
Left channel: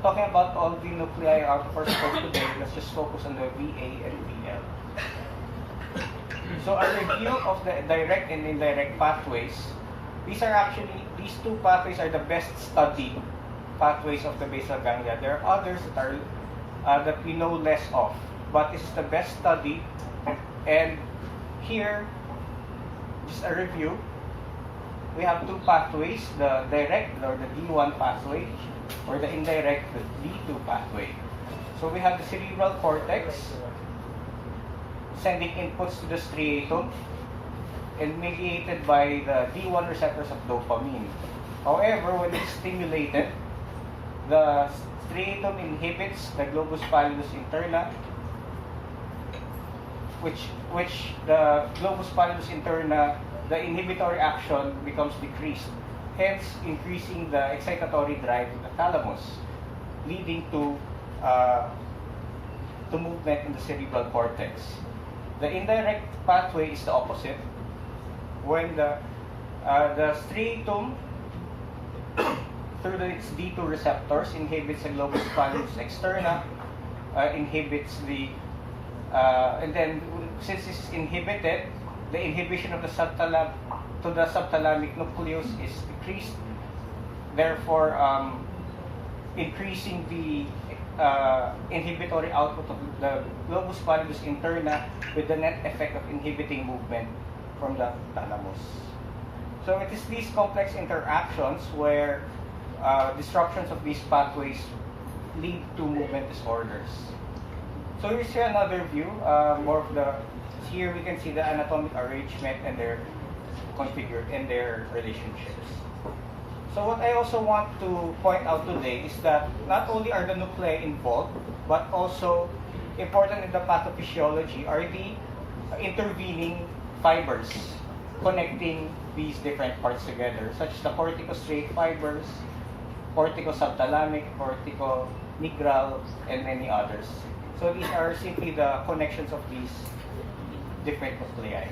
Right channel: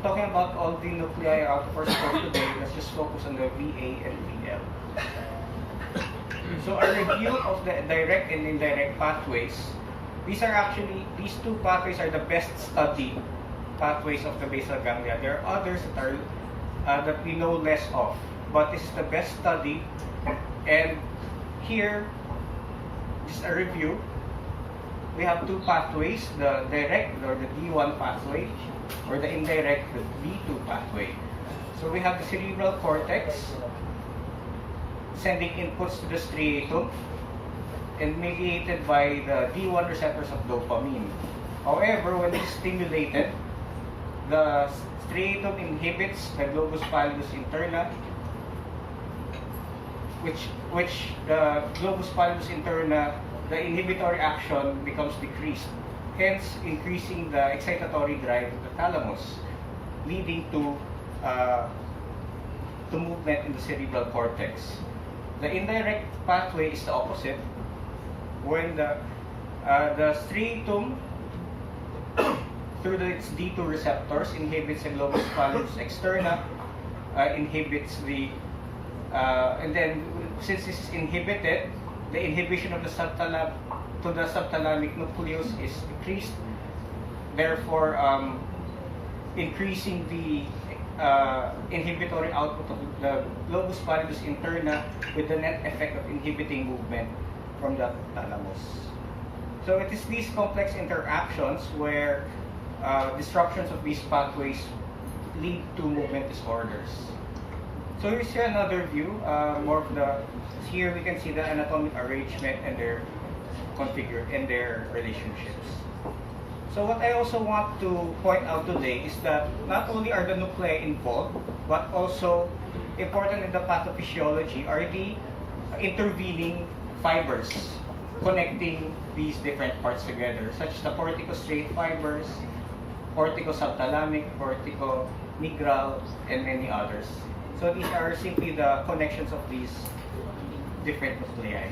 Talking about all the nuclei out of our scope today, let's just focus on the VA and VL. So a review of the direct and indirect pathways. These 2 pathways are the best studied pathways of the basal ganglia. There are others that we know less of, but this is the best studied. And here, just a review. We have 2 pathways: the direct, or the D1 pathway, or the indirect, the D2 pathway. So we have the cerebral cortex sending inputs to the striatum, and mediated by the D1 receptors of dopamine. However, when it's stimulated, the striatum inhibits the globus pallidus interna, which the globus pallidus interna, the inhibitory action becomes decreased, hence increasing the excitatory drive of the thalamus, leading to movement in the cerebral cortex. The indirect pathway is the opposite. When the striatum through its D2 receptors inhibits the globus pallidus externa, inhibits the and then since this is inhibited, the inhibition of the subthalamic nucleus is decreased, therefore increasing the inhibitory output of the globus pallidus interna with the net effect of inhibiting movement from the thalamus. So it is these complex interactions where disruptions of these pathways lead to movement disorders. So here's another view, more of the, here we can see the anatomic arrangement and their relationships. So what I also want to point out today is that not only are the nuclei involved, but also important in the pathophysiology are the intervening fibers connecting these different parts together, such as the corticostriate fibers, corticosubthalamic, corticonigral, and many others. So these are simply the connections of these different nuclei.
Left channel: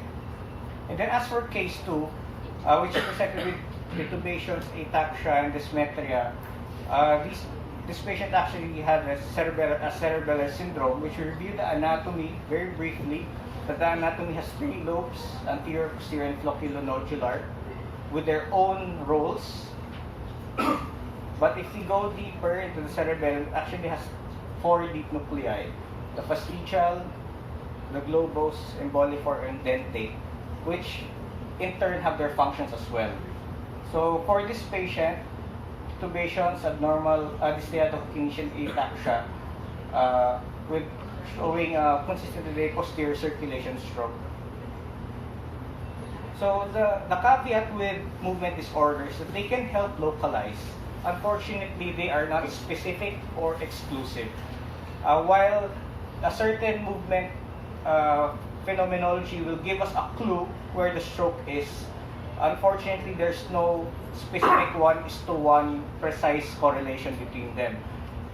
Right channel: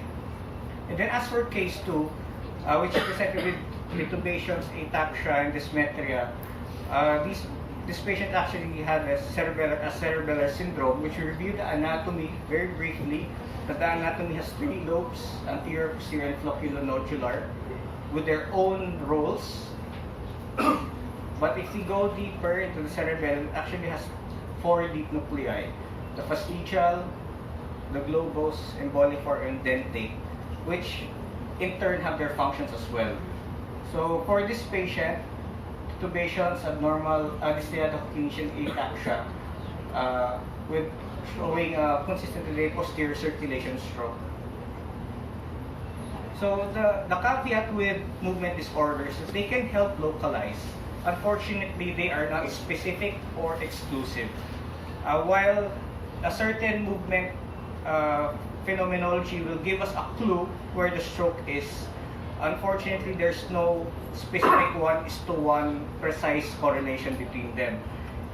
And then as for case 2, which is presented with perturbations, ataxia, and dysmetria, this patient actually had a cerebellar syndrome, which we reviewed the anatomy very briefly. That the anatomy has 3 lobes, anterior, posterior, and flocculonodular, with their own roles. But if we go deeper into the cerebellum, it actually has 4 deep nuclei: the fastigial, the globose, emboliform, and dentate, which in turn have their functions as well. So for this patient, tubations, abnormal dysthylato-kinesia ataxia, with showing consistently posterior circulation stroke. So the caveat with movement disorders is that they can help localize. Unfortunately, they are not specific or exclusive. While a certain movement phenomenology will give us a clue where the stroke is, unfortunately, there's no specific one-to-one precise correlation between them.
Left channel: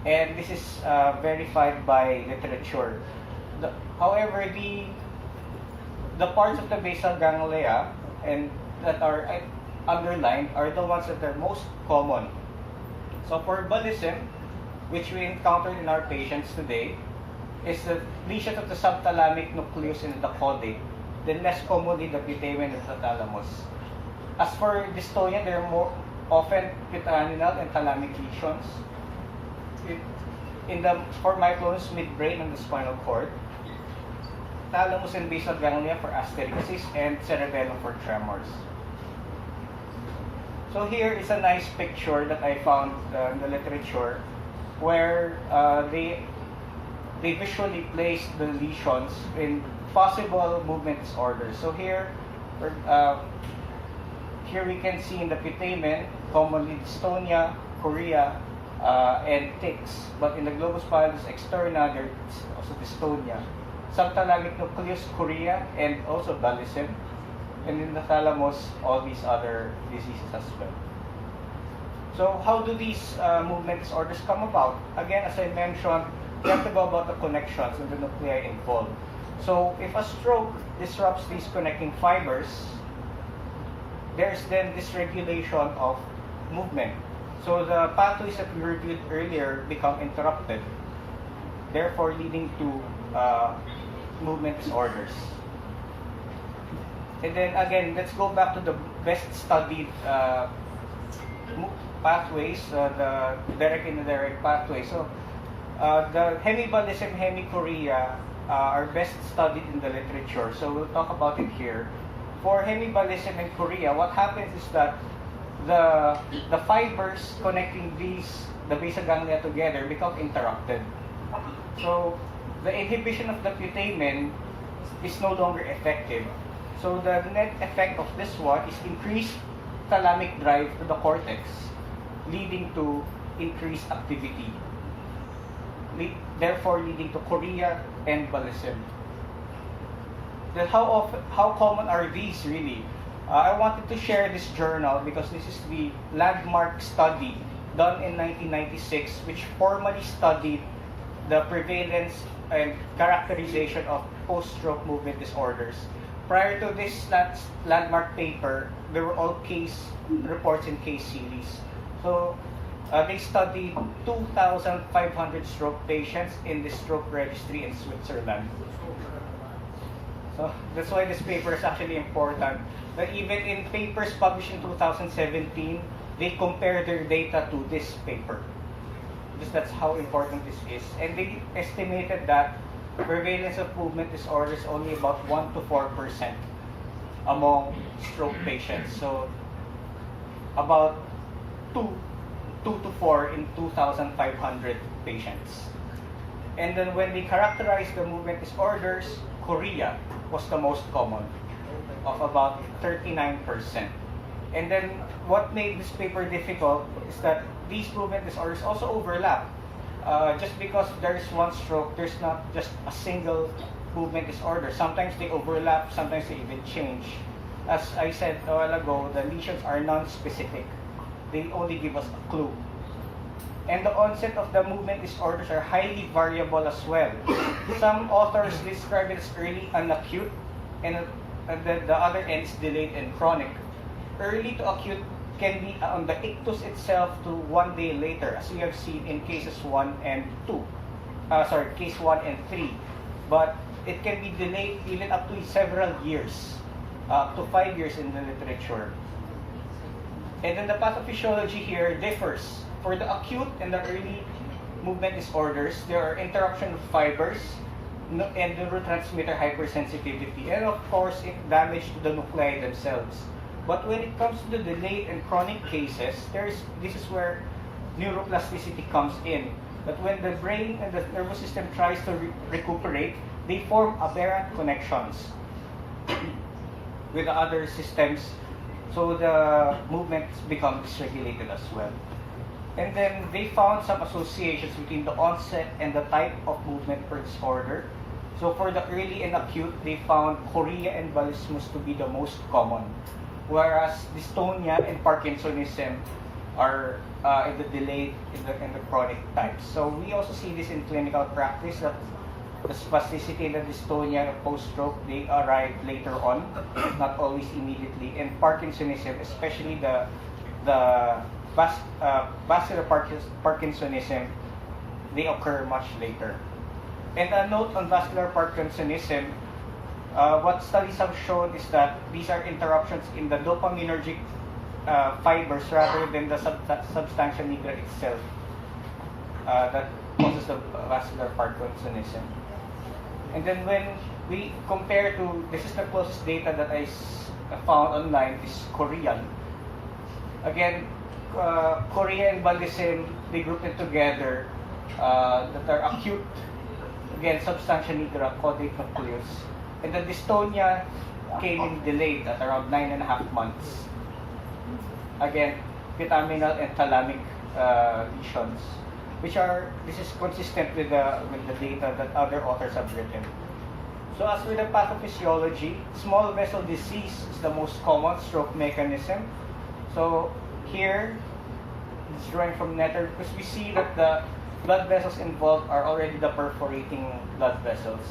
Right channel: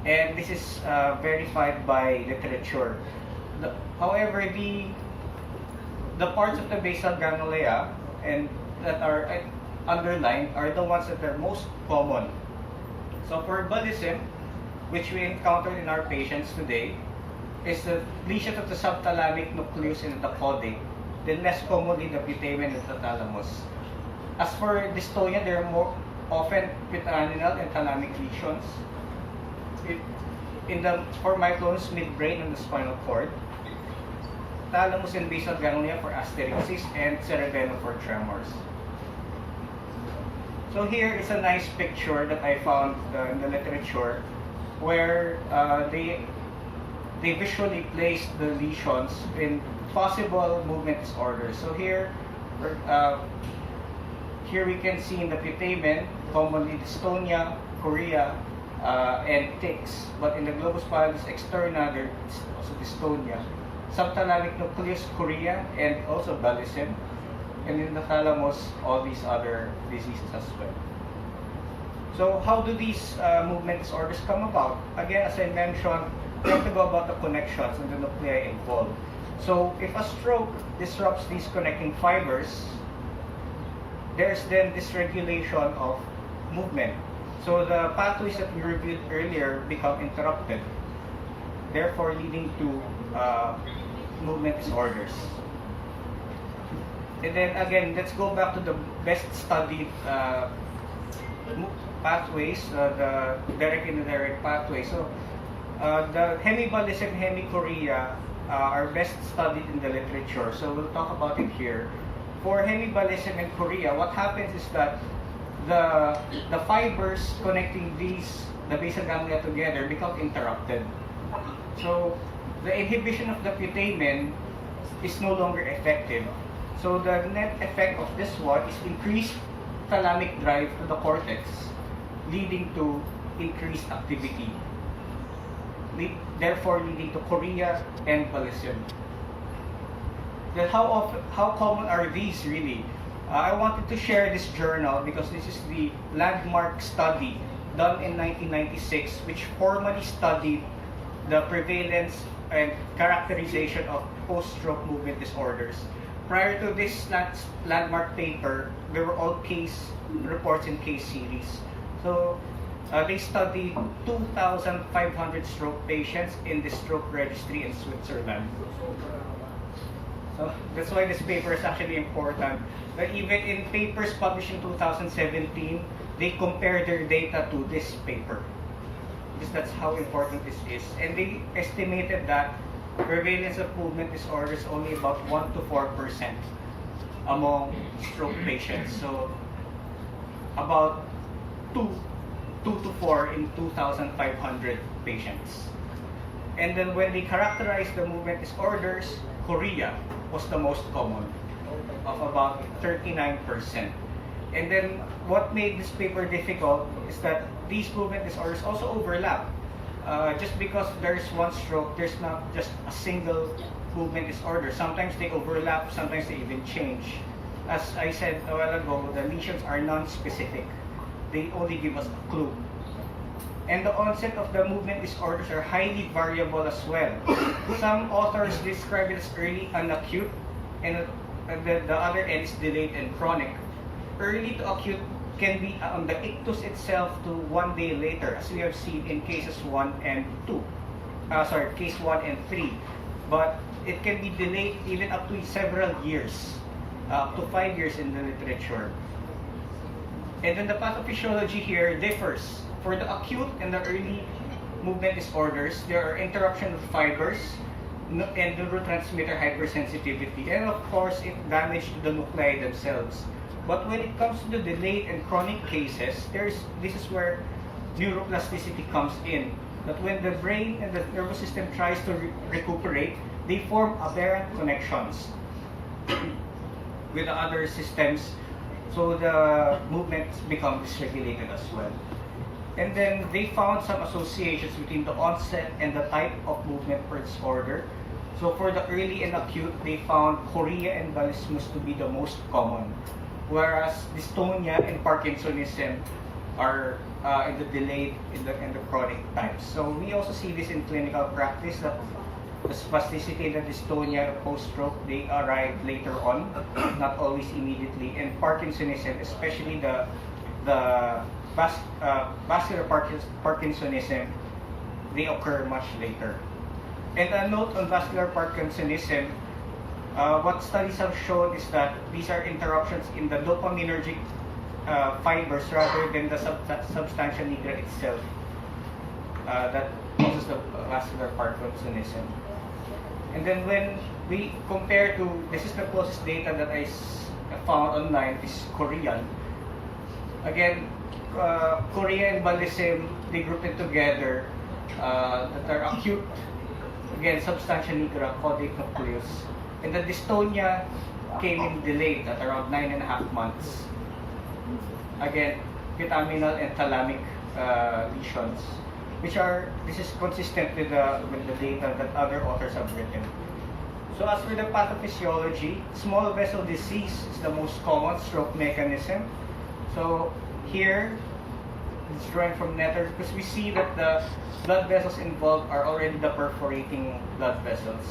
And this is verified by literature. However, the parts of the basal ganglia and that are underlined are the ones that are most common. So for bullism, which we encountered in our patients today, is the lesions of the subthalamic nucleus in the caudate, then less commonly the putamen of the thalamus. As for dystonia, there are more often putaminal and thalamic lesions. For myoclonus, midbrain and the spinal cord, thalamus and basal ganglia for asterixis, and cerebellum for tremors. So here is a nice picture that I found in the literature where they visually placed the lesions in possible movement disorders. So here we can see in the putamen, commonly dystonia, chorea, and tics. But in the globus pallidus externa, there's also dystonia. Subthalamic nucleus, chorea, and also bullism. And in the thalamus, all these other diseases as well. So how do these movement disorders come about? Again, as I mentioned, we have to go about the connections and the nuclei involved. So if a stroke disrupts these connecting fibers, there's then dysregulation of movement. So the pathways that we reviewed earlier become interrupted, therefore leading to movement disorders. And then again, let's go back to the best studied pathways, the direct and indirect pathways. So the hemiballism, hemichorea are best studied in the literature. So we'll talk about it here. For hemiballism and chorea, what happens is that the fibers connecting the basal ganglia together become interrupted. So the inhibition of the putamen is no longer effective. So the net effect of this one is increased thalamic drive to the cortex, leading to increased activity, therefore leading to chorea and embolism. Then how common are these really? I wanted to share this journal because this is the landmark study done in 1996, which formally studied the prevalence and characterization of post-stroke movement disorders. Prior to this landmark paper, there were all case reports and case series. So they studied 2,500 stroke patients in the stroke registry in Switzerland. So that's why this paper is actually important. But even in papers published in 2017, they compare their data to this paper. Because that's how important this is. And they estimated that prevalence of movement disorders is only about 1 to 4% among stroke patients. So about 2 to 4 in 2,500 patients. And then when they characterized the movement disorders, chorea was the most common, of about 39%. And then what made this paper difficult is that these movement disorders also overlap. Just because there's one stroke, there's not just a single movement disorder. Sometimes they overlap, sometimes they even change. As I said a while ago, the lesions are non-specific. They only give us a clue. And the onset of the movement disorders are highly variable as well. Some authors describe it as early and acute, and the other end is delayed and chronic. Early to acute can be on the ictus itself to 1 day later, as we have seen in cases 1 and 2. Case 1 and 3. But it can be delayed even up to several years, up to 5 years in the literature. And then the pathophysiology here differs. For the acute and the early movement disorders, there are interruption of fibers and neurotransmitter hypersensitivity. And of course, it damage to the nuclei themselves. But when it comes to the delayed and chronic cases, this is where neuroplasticity comes in. That when the brain and the nervous system tries to recuperate, they form aberrant connections with the other systems, so the movements become dysregulated as well. And then they found some associations between the onset and the type of movement per disorder. So for the early and acute, they found chorea and embolism to be the most common, whereas dystonia and Parkinsonism are in the delayed and the chronic types. So we also see this in clinical practice, that the spasticity and the dystonia, the post-stroke, they arrive later on, not always immediately. And Parkinsonism, especially the vascular Parkinsonism, they occur much later. And a note on vascular Parkinsonism, what studies have shown is that these are interruptions in the dopaminergic fibers rather than the substantia nigra itself that causes the vascular Parkinsonism. And then when we compare to, this is the closest data that I found online, is Korean. Again, chorea and embolism, they group it together, that are acute. Again, substantia nigra, caudate nucleus. And the dystonia came in delayed at around 9.5 months. Again, vitaminal and thalamic lesions, this is consistent with the data that other authors have written. So as for the pathophysiology, small vessel disease is the most common stroke mechanism. So here, it's drawing from Netter because we see that the blood vessels involved are already the perforating blood vessels.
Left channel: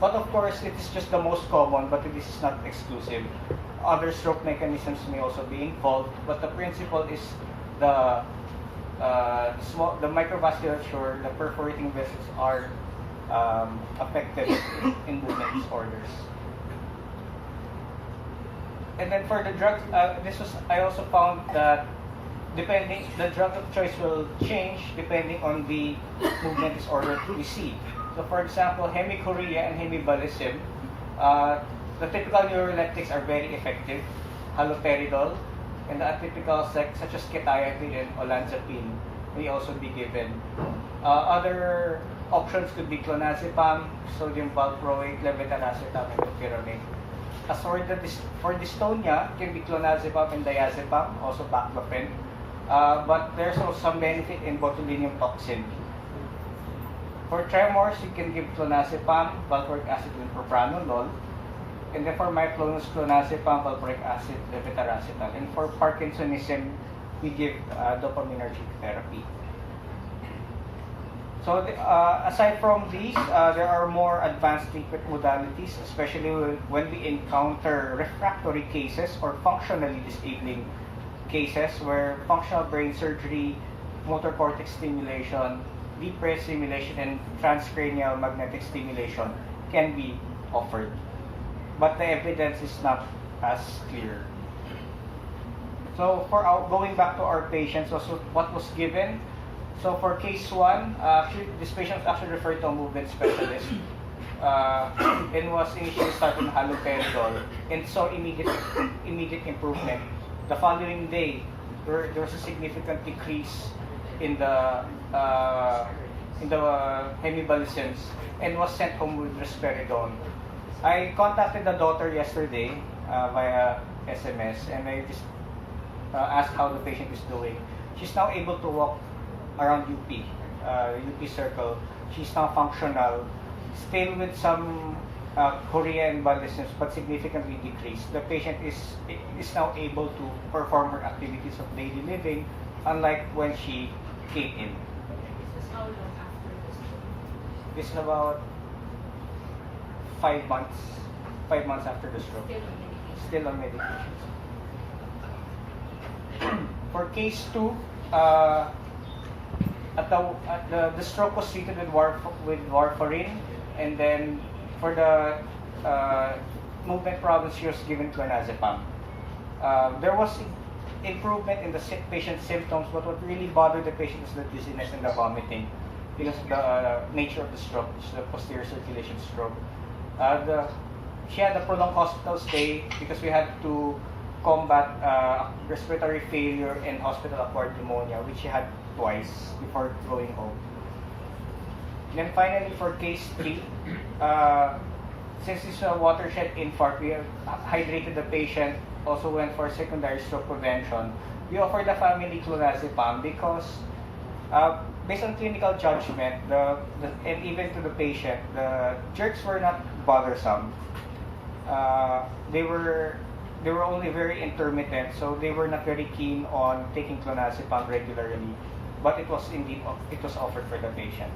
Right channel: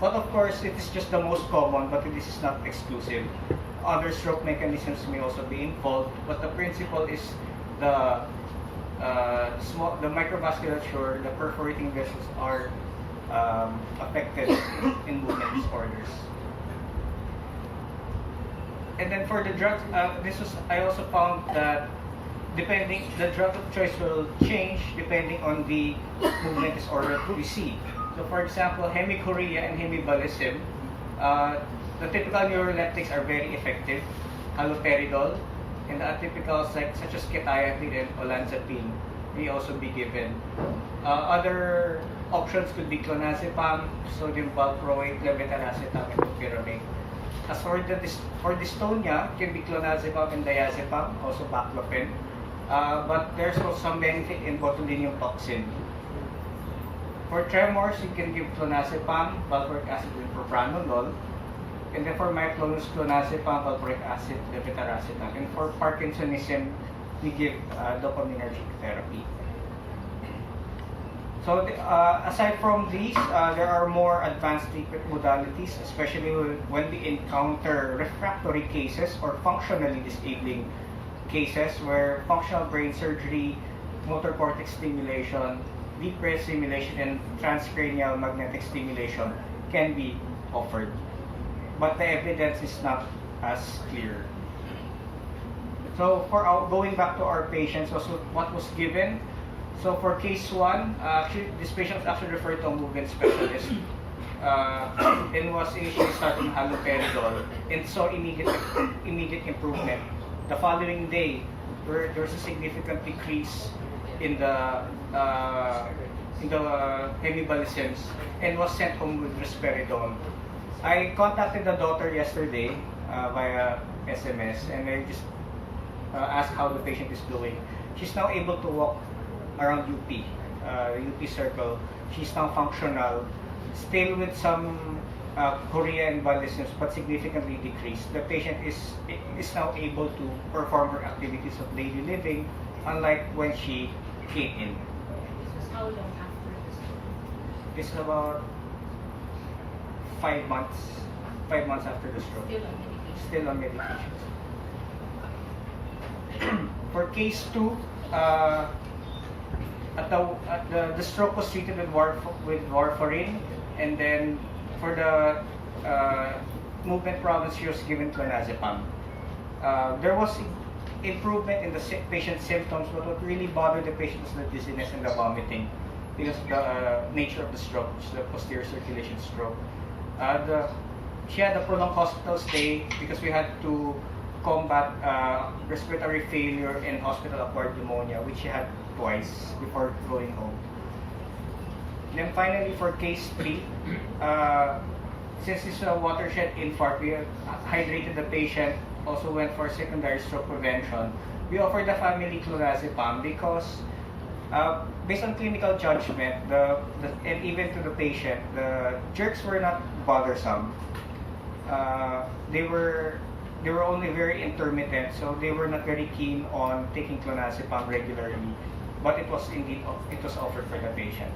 But of course, it is just the most common, but this is not exclusive. Other stroke mechanisms may also be involved, but the principle is the microvasculature, the perforating vessels are affected in movement disorders. And then for the drugs, I also found that the drug of choice will change depending on the movement disorder we see. So for example, hemichorea and hemiembolism, the typical neuroleptics are very effective, haloperidol, and the atypicals such as quetiapine and olanzapine may also be given. Other options could be clonazepam, sodium valproate, levetiracetam, and topiramate. As for dystonia, it can be clonazepam and diazepam, also baclofen. But there's also some benefit in botulinum toxin. For tremors, you can give clonazepam, valproic acid, and propranolol. And then for myoclonus, clonazepam, valproic acid, levetiracetam. And for Parkinsonism, we give dopaminergic therapy. So aside from these, there are more advanced treatment modalities, especially when we encounter refractory cases or functionally disabling cases where functional brain surgery, motor cortex stimulation, deep brain stimulation, and transcranial magnetic stimulation can be offered. But the evidence is not as clear. So going back to our patients, also what was given. So for case 1, actually, this patient was actually referred to a movement specialist and was initially started on haloperidol and saw immediate improvement. The following day, there was a significant decrease in the hemibalisms and was sent home with risperidone. I contacted the daughter yesterday via SMS and I just asked how the patient is doing. She's now able to walk around UP circle. She's now functional, still with some chorea and embolisms, but significantly decreased. The patient is now able to perform her activities of daily living, unlike when she came in. This is how long after this? It's about 5 months. 5 months after the stroke. Still on medication. Still on medication. For case 2, the stroke was treated with warfarin, and then for the movement problems, she was given clonazepam. There was improvement in the patient's symptoms, but what really bothered the patient is the dizziness and the vomiting because of the nature of the stroke, the posterior circulation stroke. She had a prolonged hospital stay because we had to combat respiratory failure and hospital-acquired pneumonia, which she had twice before going home. And then finally, for case 3, since it's a watershed infarct, we hydrated the patient, also went for secondary stroke prevention. We offered the family clonazepam because based on clinical judgment, and even to the patient, the jerks were not bothersome. They were only very intermittent, so they were not very keen on taking clonazepam regularly. But it was offered for the patient.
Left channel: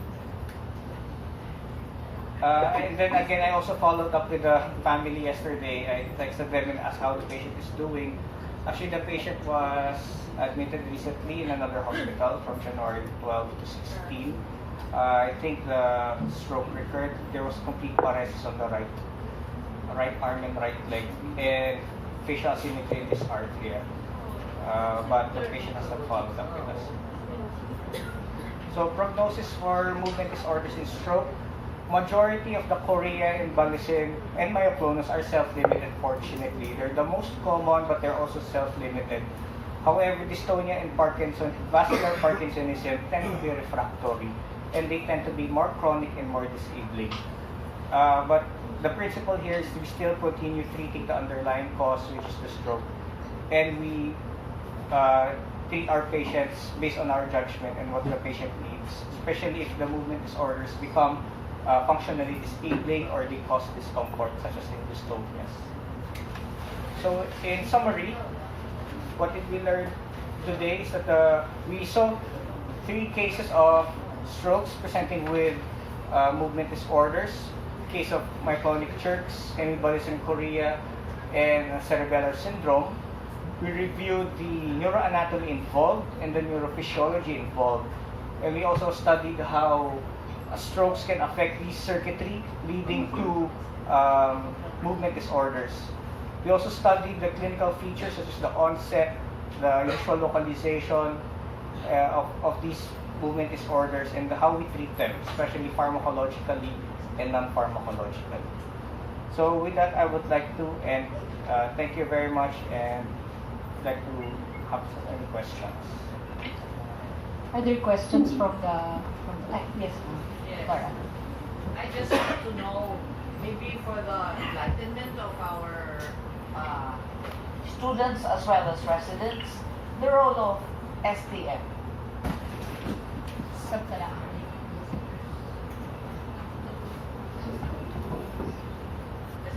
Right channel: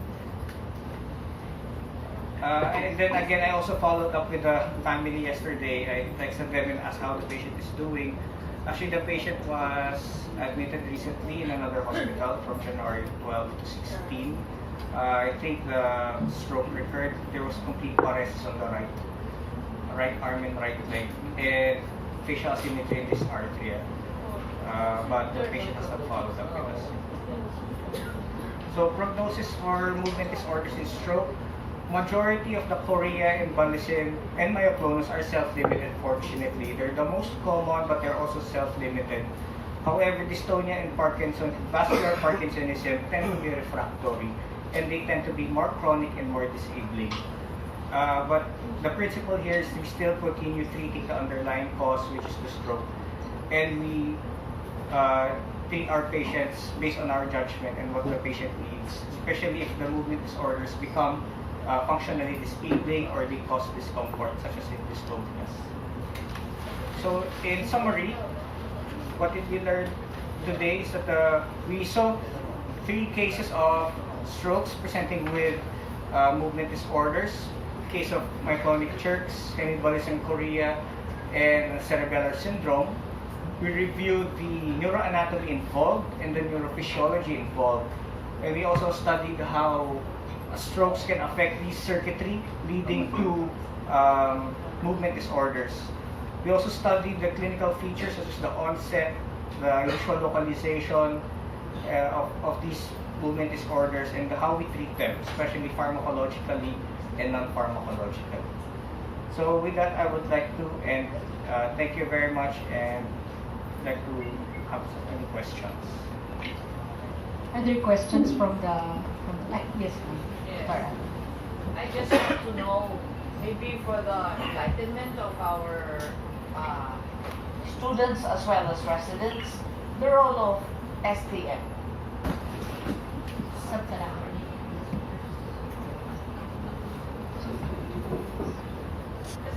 And then again, I also followed up with the family yesterday. I texted them and asked how the patient is doing. Actually, the patient was admitted recently in another hospital from January 12 to 16. I think the stroke recurred. There was complete paresis on the right arm and right leg, and facial asymmetry in this artery. But the patient has not followed up with us. So prognosis for movement disorders in stroke. Majority of the chorea, embolism, and myoclonus are self-limited, fortunately. They're the most common, but they're also self-limited. However, dystonia and vascular Parkinsonism tend to be refractory, and they tend to be more chronic and more disabling. But the principle here is we still continue treating the underlying cause, which is the stroke. And we treat our patients based on our judgment and what the patient needs, especially if the movement disorders become functionally disabling or they cause discomfort, such as in dystonia. So, in summary, what did we learn today is that we saw 3 cases of strokes presenting with movement disorders, case of myoclonic jerks, hemibalism chorea, and cerebellar syndrome. We reviewed the neuroanatomy involved and the neurophysiology involved, and we also studied how strokes can affect these circuitry, leading to movement disorders. We also studied the clinical features such as the onset, the usual localization of these movement disorders, and how we treat them, especially pharmacologically and non-pharmacologically. So with that, I would like to end. Thank you very much, and like to have any questions. Are there questions from the line? Yes. Yes. I just want to know maybe for the enlightenment of our students as well as residents, the role of STM. Subthalamic.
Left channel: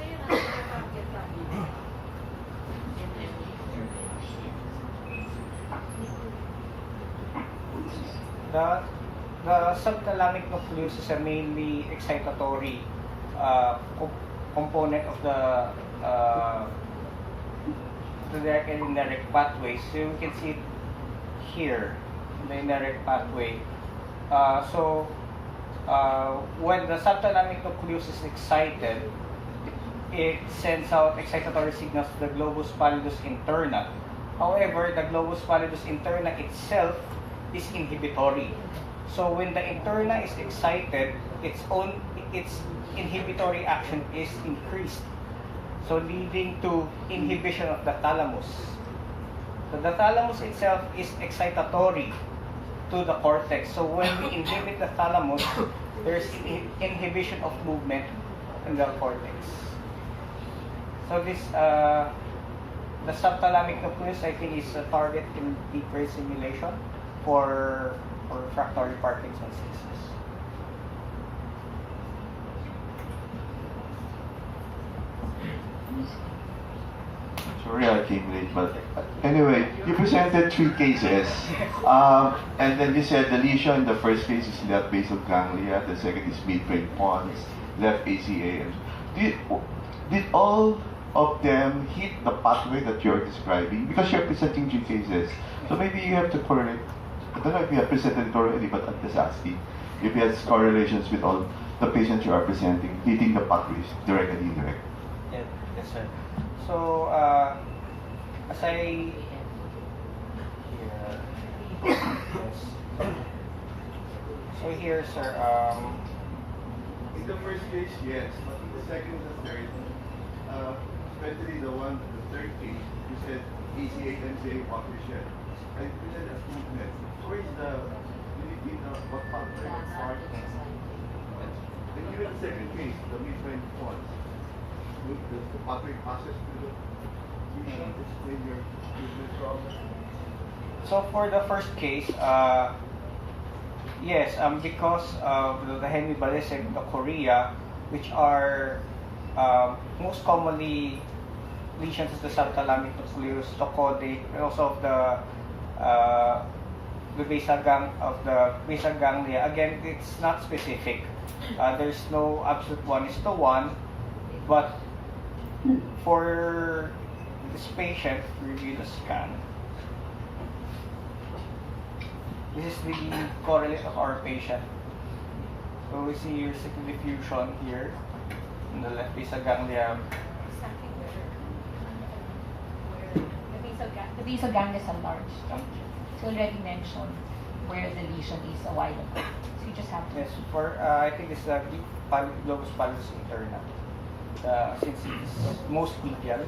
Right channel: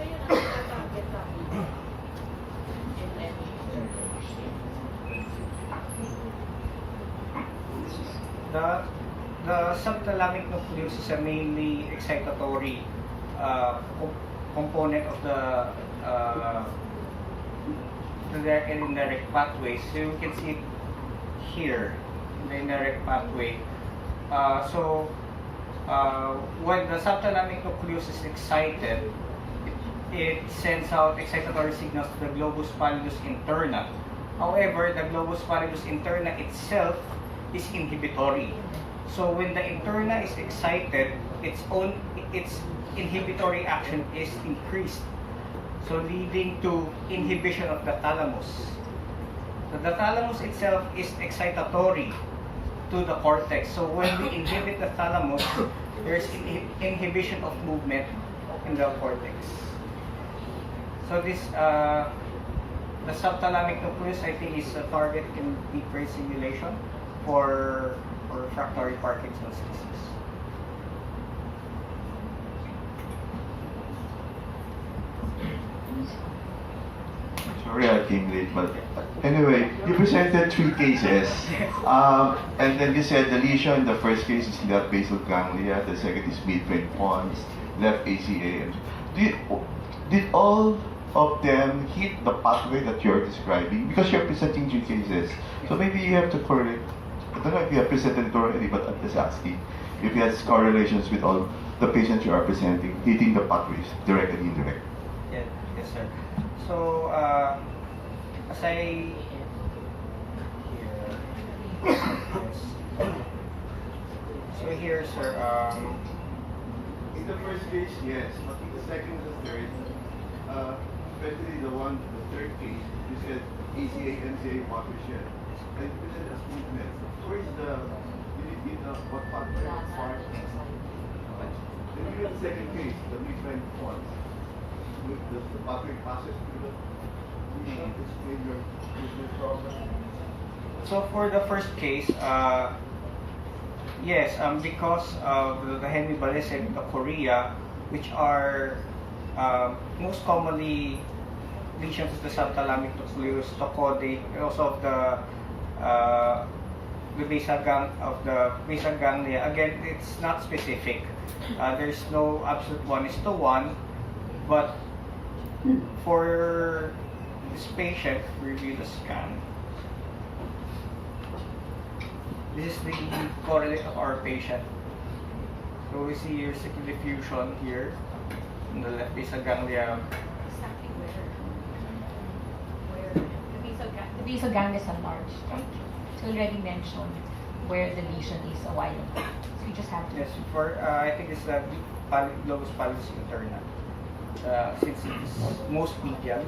kasi yun ang target namin in any The subthalamic nucleus is a mainly excitatory component of the direct and indirect pathways. So you can see it here in the indirect pathway. When the subthalamic nucleus is excited, it sends out excitatory signals to the globus pallidus interna. However, the globus pallidus interna itself is inhibitory. So when the interna is excited, its inhibitory action is increased, so leading to inhibition of the thalamus. So the thalamus itself is excitatory to the cortex. So when we inhibit the thalamus, there's inhibition of movement in the cortex. So this the subthalamic nucleus, I think, is a target in deep brain stimulation for refractory Parkinson's disease. Sorry I came late, but anyway, you presented 3 cases, and then you said the lesion in the first case is left basal ganglia, the second is midbrain pons, left ACA. And did all of them hit the pathway that you're describing? Because you're presenting 3 cases, so maybe you have to correlate. I don't know if you have presented it already, but I'm just asking if you have correlations with all the patients you are presenting, hitting the pathways, direct and indirect. Yes, sir. So, as I so here, sir. In the first case, yes, but in the second and the third, especially the third case, you said ACA, MCA watershed. I present as movement. Where is what part? And even the second case, the midbrain pons, the pathway passes through the lesion to explain your movement problem. So for the first case, yes, because of the hemiballism, the chorea, which are most commonly lesions of the subthalamic nucleus, the caudate, and also of the basal ganglia. Again, it's not specific. There's no absolute 1:1, but for this patient, review the scan. This is the correlate of our patient. So we see your sickle diffusion here in the left basal ganglia. The basal ganglia is enlarged. So already mentioned where the lesion is a while ago. So you just have to. Yes, for I think it's the globus pallidus interna. Since it's most medial,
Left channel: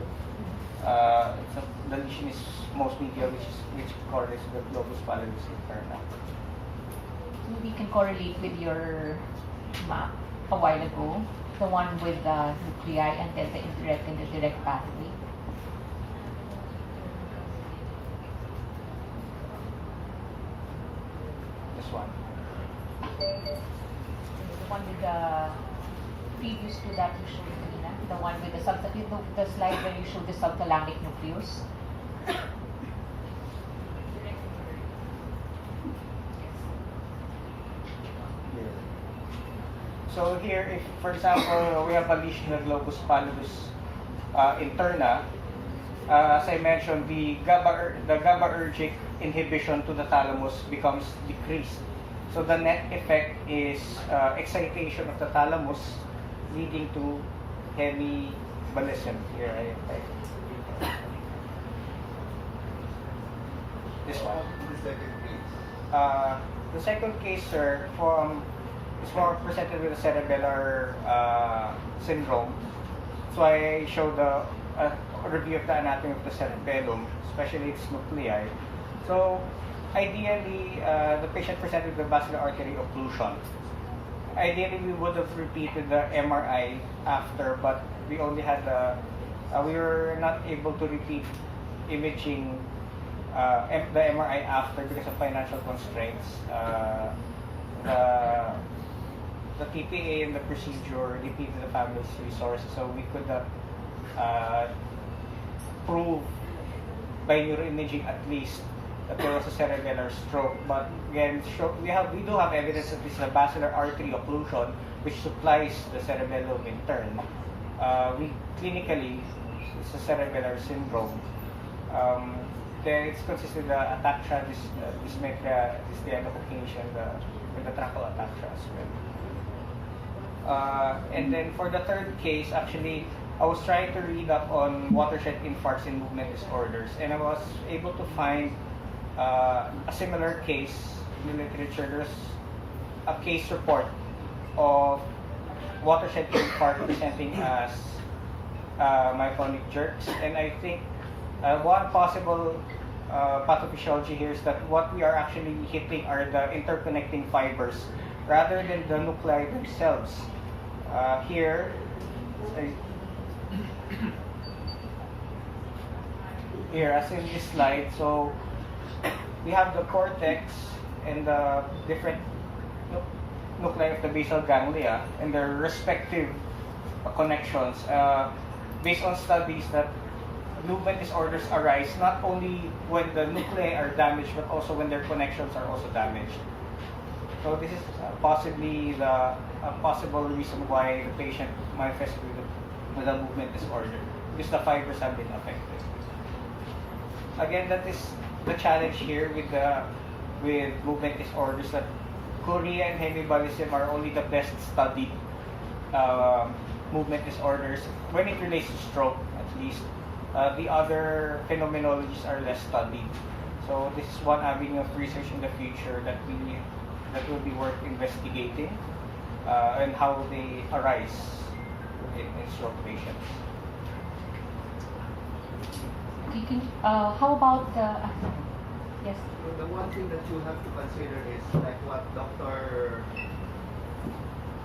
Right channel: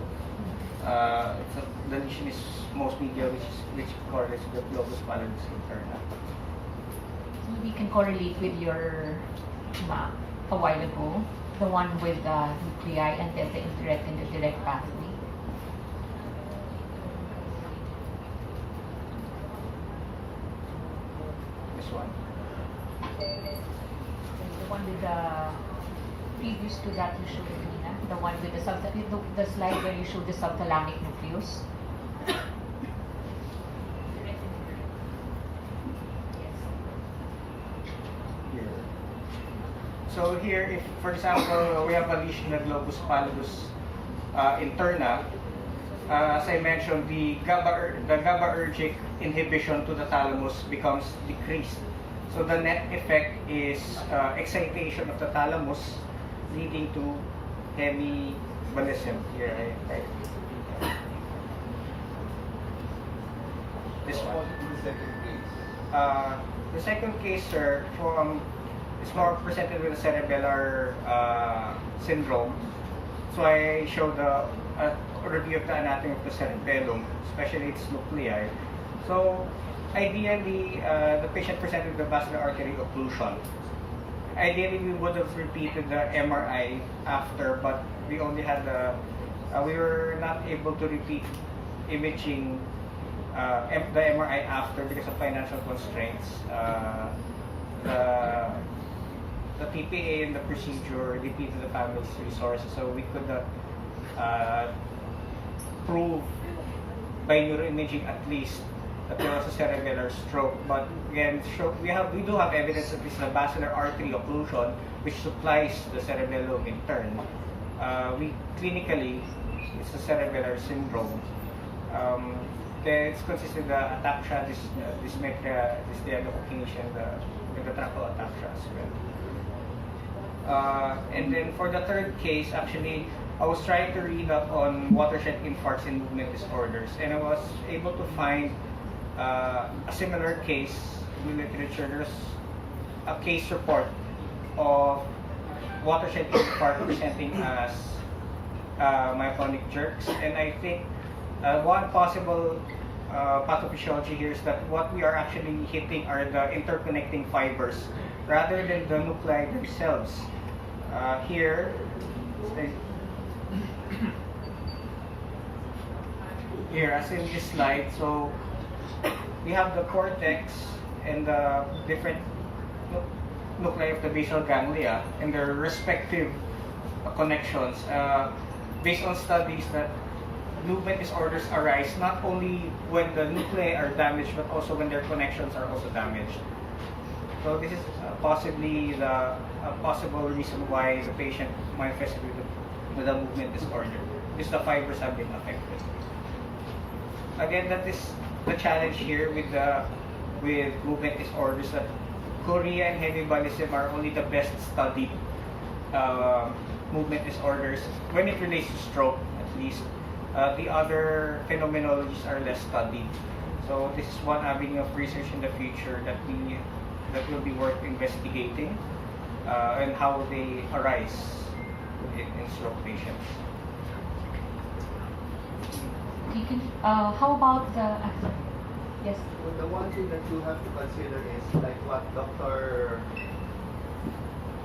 the lesion is most medial, which correlates with the globus pallidus interna. We can correlate with your map a while ago, the one with the nuclei and then the indirect and the direct pathway. This one. The one with the previous to that you showed Nina, the one with the slide where you showed the subthalamic nucleus. So here, if for example we have a lesion in the globus pallidus interna, as I mentioned, the GABAergic inhibition to the thalamus becomes decreased. So the net effect is excitation of the thalamus, leading to hemiballism. Here, this one. The second case, sir, is more presented with a cerebellar syndrome. So I showed a review of the anatomy of the cerebellum, especially its nuclei. So ideally, the patient presented with vascular artery occlusion. ideally we would have repeated the MRI after, but we only had we were not able to repeat imaging the MRI after because of financial constraints. The TPA and the procedure depleted the family's resources, so we could prove by neuroimaging at least that there was a cerebellar stroke. But again, we do have evidence that this is a basilar artery occlusion which supplies the cerebellum in turn. Clinically, it's a cerebellar syndrome. Then it's consisted of ataxia, dysmetria, dysdiadochokinesia, and the tracheal ataxia as well. And then for the third case, actually, I was trying to read up on watershed infarcts and movement disorders, and I was able to find a similar case in the literature. There's a case report of watershed infarct presenting as myoclonic jerks, and I think one possible pathophysiology here is that what we are actually hitting are the interconnecting fibers rather than the nuclei themselves. Here as in this slide, so we have the cortex and the different nuclei of the basal ganglia and their respective connections. Based on studies that movement disorders arise not only when the nuclei are damaged but also when their connections are also damaged. So this is possibly the possible reason why the patient manifests with a movement disorder, because the fibers have been affected. Again, that is the challenge here with movement disorders, that chorea and hemiballism are only the best studied movement disorders when it relates to stroke, at least. The other phenomenologies are less studied. So this is one avenue of research in the future that will be worth investigating, and how they arise in stroke patients. How about the yes? The one thing that you have to consider is like what Dr.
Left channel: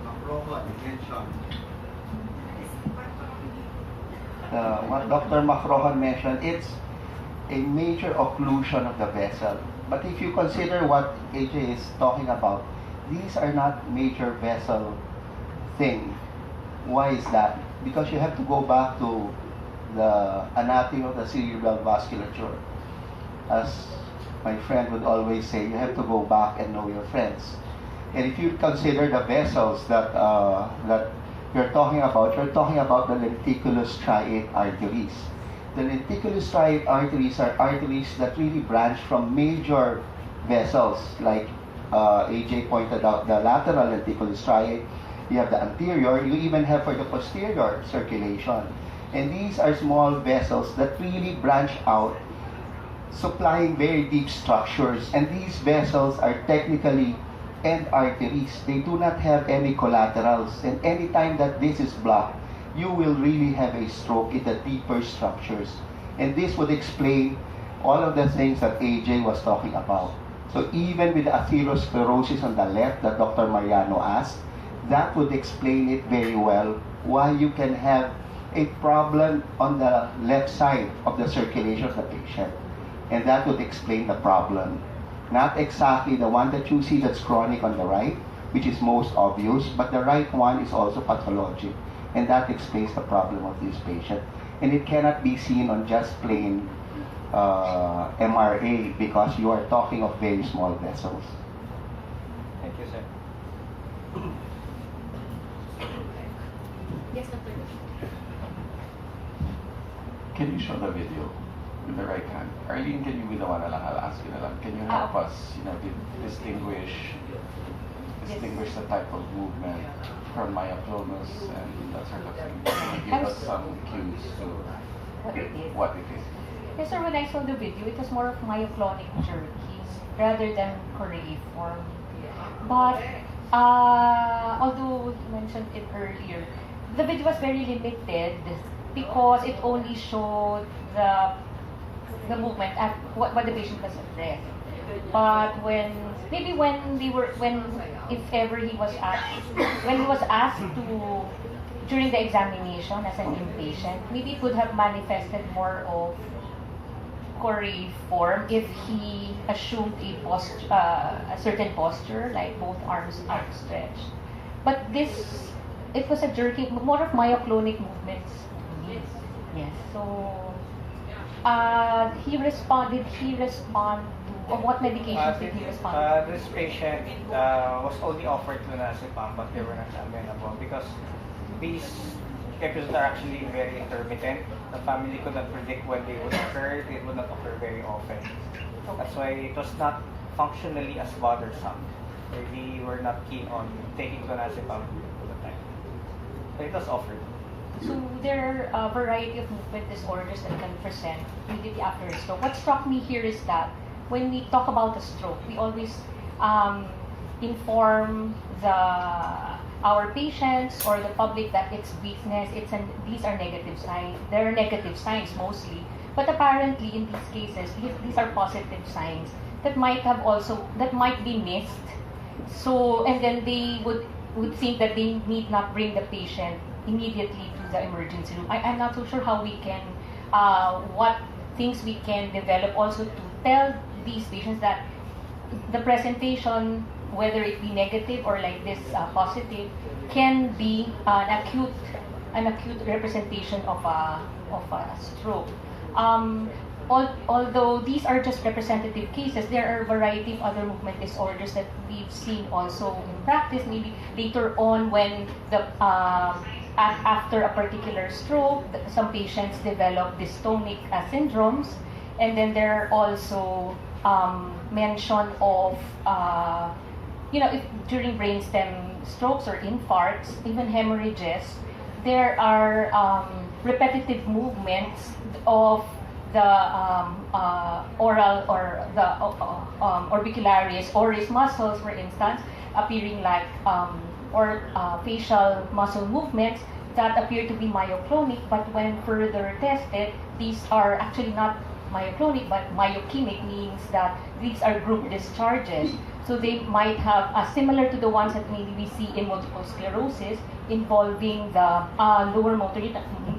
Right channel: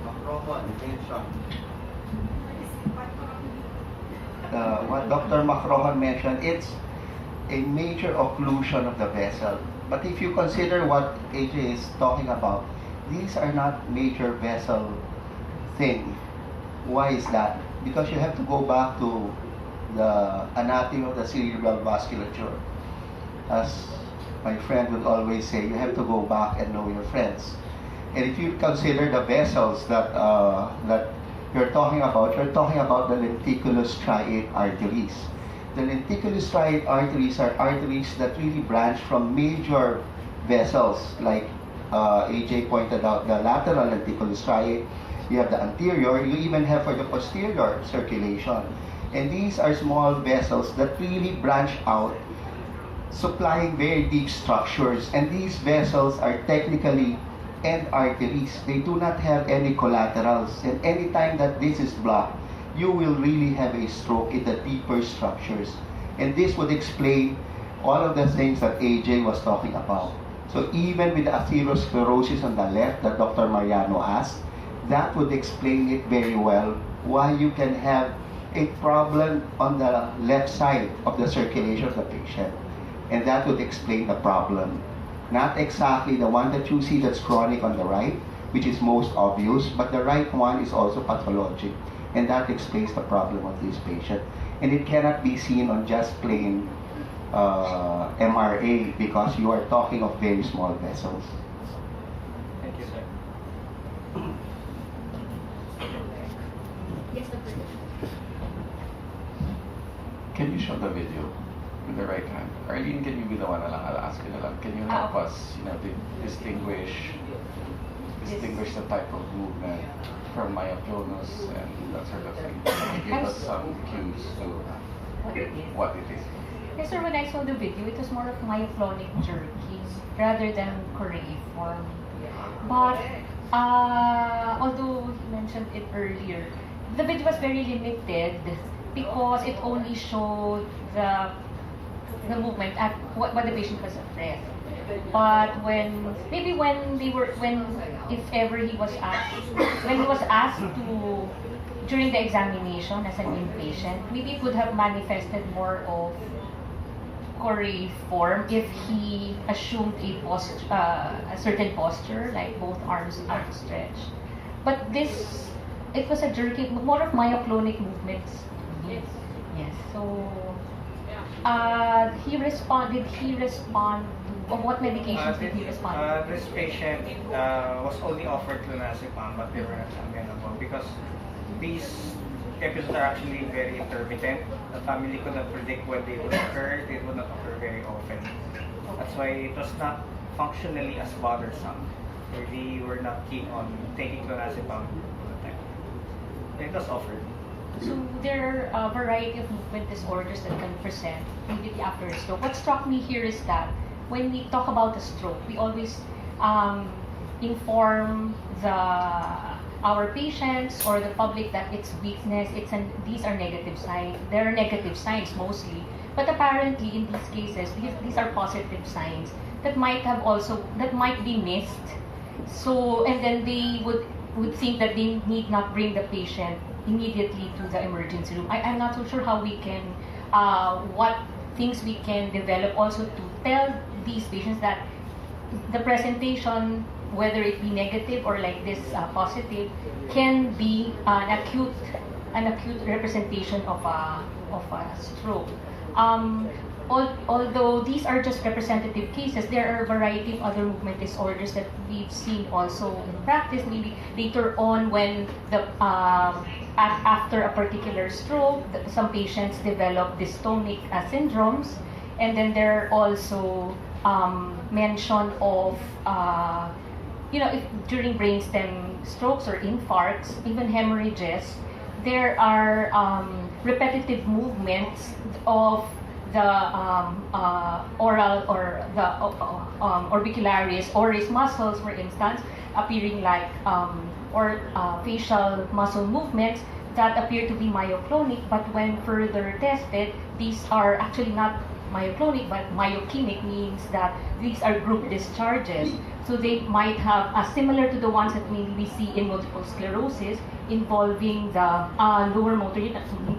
Macrohan mentioned. What Dr. Macrohan mentioned, it's a major occlusion of the vessel. But if you consider what AJ is talking about, these are not major vessel thing. Why is that? Because you have to go back to the anatomy of the cerebral vasculature. As my friend would always say, you have to go back and know your friends. And if you consider the vessels that you're talking about the lenticulus striate arteries. The lenticulus striate arteries are arteries that really branch from major vessels, like AJ pointed out, the lateral lenticulus striate. You have the anterior, you even have for the posterior circulation. And these are small vessels that really branch out, supplying very deep structures. And these vessels are technically end arteries. They do not have any collaterals. And anytime that this is blocked, you will really have a stroke in the deeper structures. And this would explain all of the things that AJ was talking about. So even with the atherosclerosis on the left that Dr. Mariano asked, that would explain it very well, why you can have a problem on the left side of the circulation of the patient. And that would explain the problem. Not exactly the one that you see that's chronic on the right, which is most obvious, but the right one is also pathologic. And that explains the problem of this patient. And it cannot be seen on just plain MRA, because you are talking of very small vessels. Thank you, sir. Yes, Dr. Can you show the video with the right hand? Arlene, can you be the one na lang? I'll ask you na lang. Can you help us, distinguish the type of movement from myoclonus and that sort of thing? Give us some cues to what it is. Yes, sir, when I saw the video, it was more of myoclonic jerkies rather than choreiform. But although he mentioned it earlier, the video was very limited because it only showed the the movement at what the patient was afraid. But when if ever he was asked to during the examination as an inpatient, maybe it would have manifested more of coriform if he assumed a certain posture, like both arms outstretched. But it was a jerky, more of myoclonic movements. Yes. So, did he respond to, or what medications did he respond to? This patient was only offered clonazepam, but they were not amenable because these episodes are actually very intermittent. The family could not predict when they would occur. They would not occur very often. That's why it was not functionally as bothersome. We were not keen on taking clonazepam at the time. It was offered. So there are a variety of movement disorders that can present immediately after a stroke. What struck me here is that when we talk about a stroke, we always inform our patients or the public that it's weakness. These are negative signs. There are negative signs mostly, but apparently in these cases, these are positive signs that might be missed. So and then they would think that they need not bring the patient immediately to the emergency room. I'm not so sure how we can, what things we can develop also to tell these patients that the presentation, whether it be negative or like this positive, can be an acute representation of a stroke. Although these are just representative cases, there are a variety of other movement disorders that we've seen also in practice. Maybe later on, when after a particular stroke, some patients develop dystonic syndromes, and then there are also mention of if during brainstem strokes or infarcts, even hemorrhages, there are repetitive movements of the oral or the orbicularis oris muscles, for instance, appearing like facial muscle movements that appear to be myoclonic, but when further tested, these are actually not myoclonic, but myokinic, means that these are group discharges. So they might have similar to the ones that maybe we see in multiple sclerosis involving the lower motor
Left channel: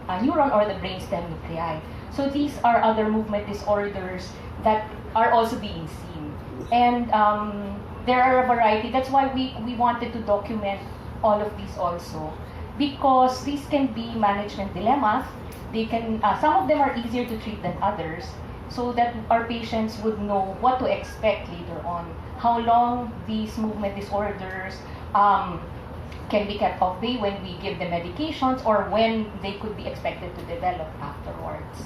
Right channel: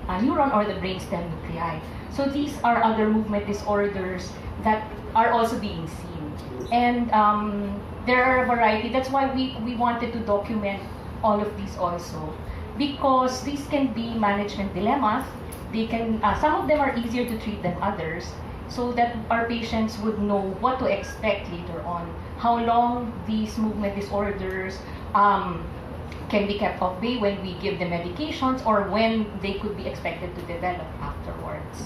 neuron or the brainstem nuclei. So these are other movement disorders that are also being seen. And there are a variety. That's why we wanted to document all of these also, because these can be management dilemmas. They can, some of them are easier to treat than others, so that our patients would know what to expect later on, how long these movement disorders can be kept off bay when we give them medications, or when they could be expected to develop afterwards.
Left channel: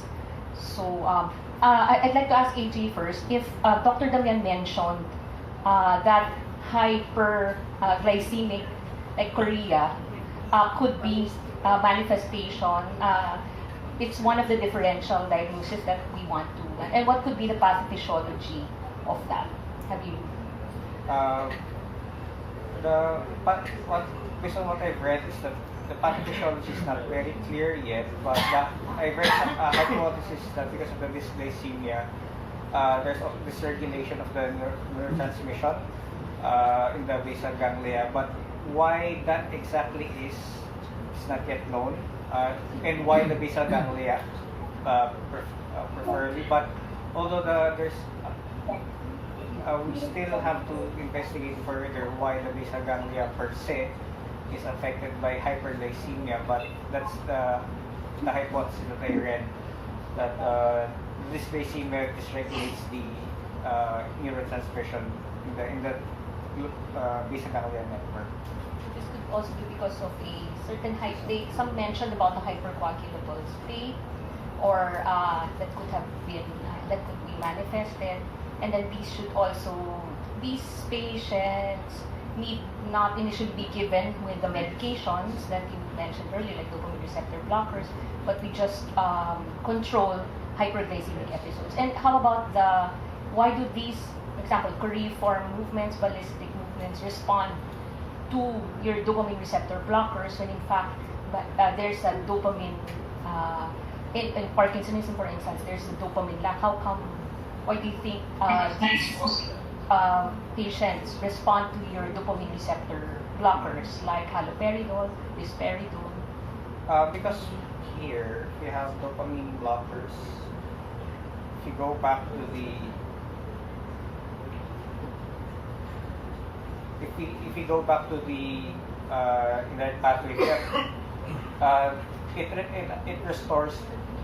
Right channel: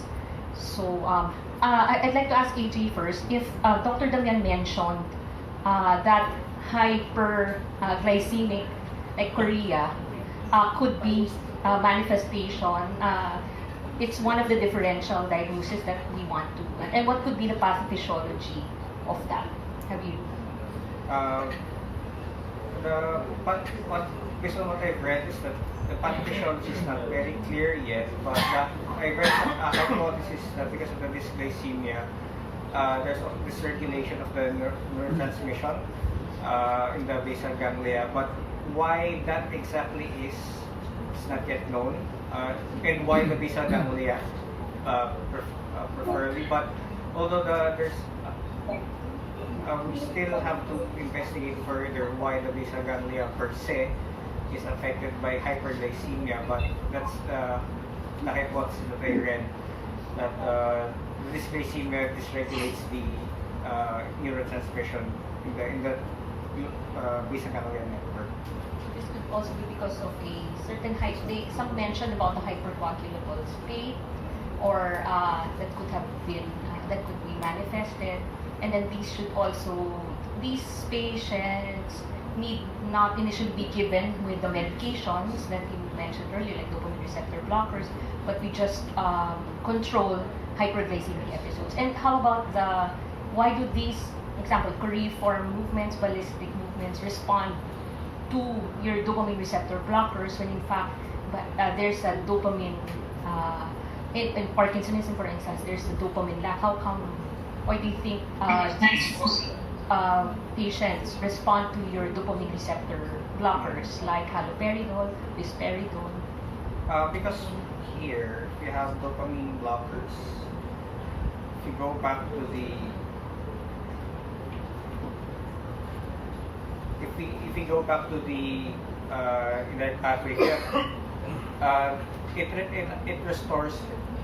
So I'd like to ask AJ first, if Dr. Damian mentioned that hyperglycemic, like chorea, could be manifestation. It's one of the differential diagnoses that we want to. And what could be the pathophysiology of that? Have you? Based on what I've read, is that the pathophysiology is not very clear yet. But I've read some hypothesis that because of the dysglycemia, there's dysregulation of the neurotransmission in the basal ganglia. But why that exactly is not yet known, and why the basal ganglia preferably. But although we still have to investigate further why the basal ganglia per se is affected by hyperglycemia. But that's the hypothesis that I read, that dysglycemia dysregulates the neurotransmission in the basal ganglia network. This could also be because of a certain some mentioned about the hypercoagulable state, or that could have been that could be manifested, and then these patients need not initially be given with the medications that you mentioned earlier, like the dopamine receptor blockers, but we just control hyperglycemic episodes. And how about why do these, for example, choreiform movements, ballistic movements respond to your dopamine receptor blockers when in fact there's a dopamine in Parkinsonism, for instance, there's the dopamine lack. How come? Why do you think these patients respond to your dopamine receptor blockers like haloperidol, risperidone? Because here, if you have dopamine blockers, if you go back to the if we go back to the in that pathway, it restores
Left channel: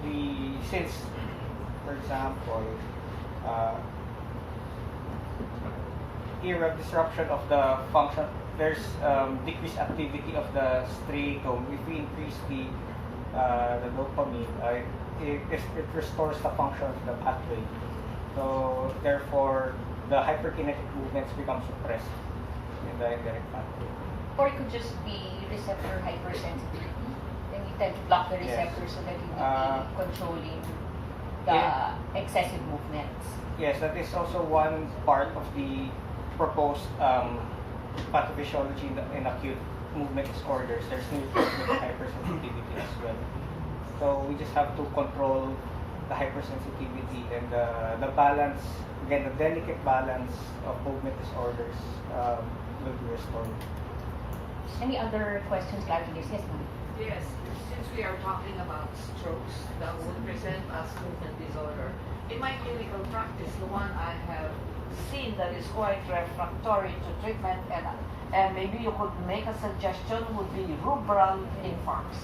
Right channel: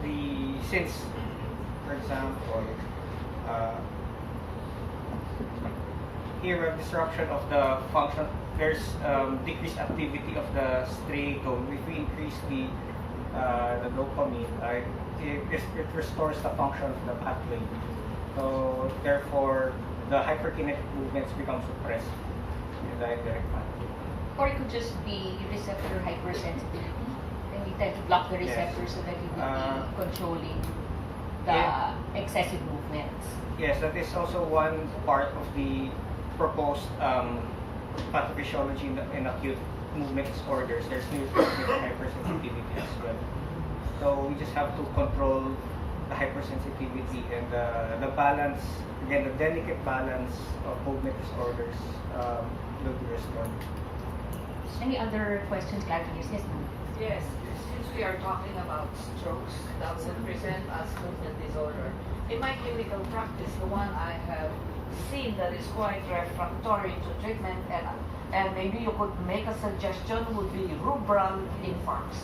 the, since, for example, here a disruption of the function, there's decreased activity of the striatum. If we increase the dopamine, it restores the function of the pathway. So therefore, the hyperkinetic movements become suppressed in the indirect pathway. Or it could just be receptor hypersensitivity. Then you tend to block the receptor so that you will be controlling the excessive movements. Yes, that is also one part of the proposed pathophysiology in acute movement disorders. There's neurological hypersensitivity as well. So we just have to control the hypersensitivity and the balance, again, the delicate balance of movement disorders will be restored. Any other questions, clarifications? Yes, ma'am. Yes, since we are talking about strokes that would present as movement disorder, in my clinical practice, the one I have seen that is quite refractory to treatment, and maybe you could make a suggestion, would be rubral infarcts.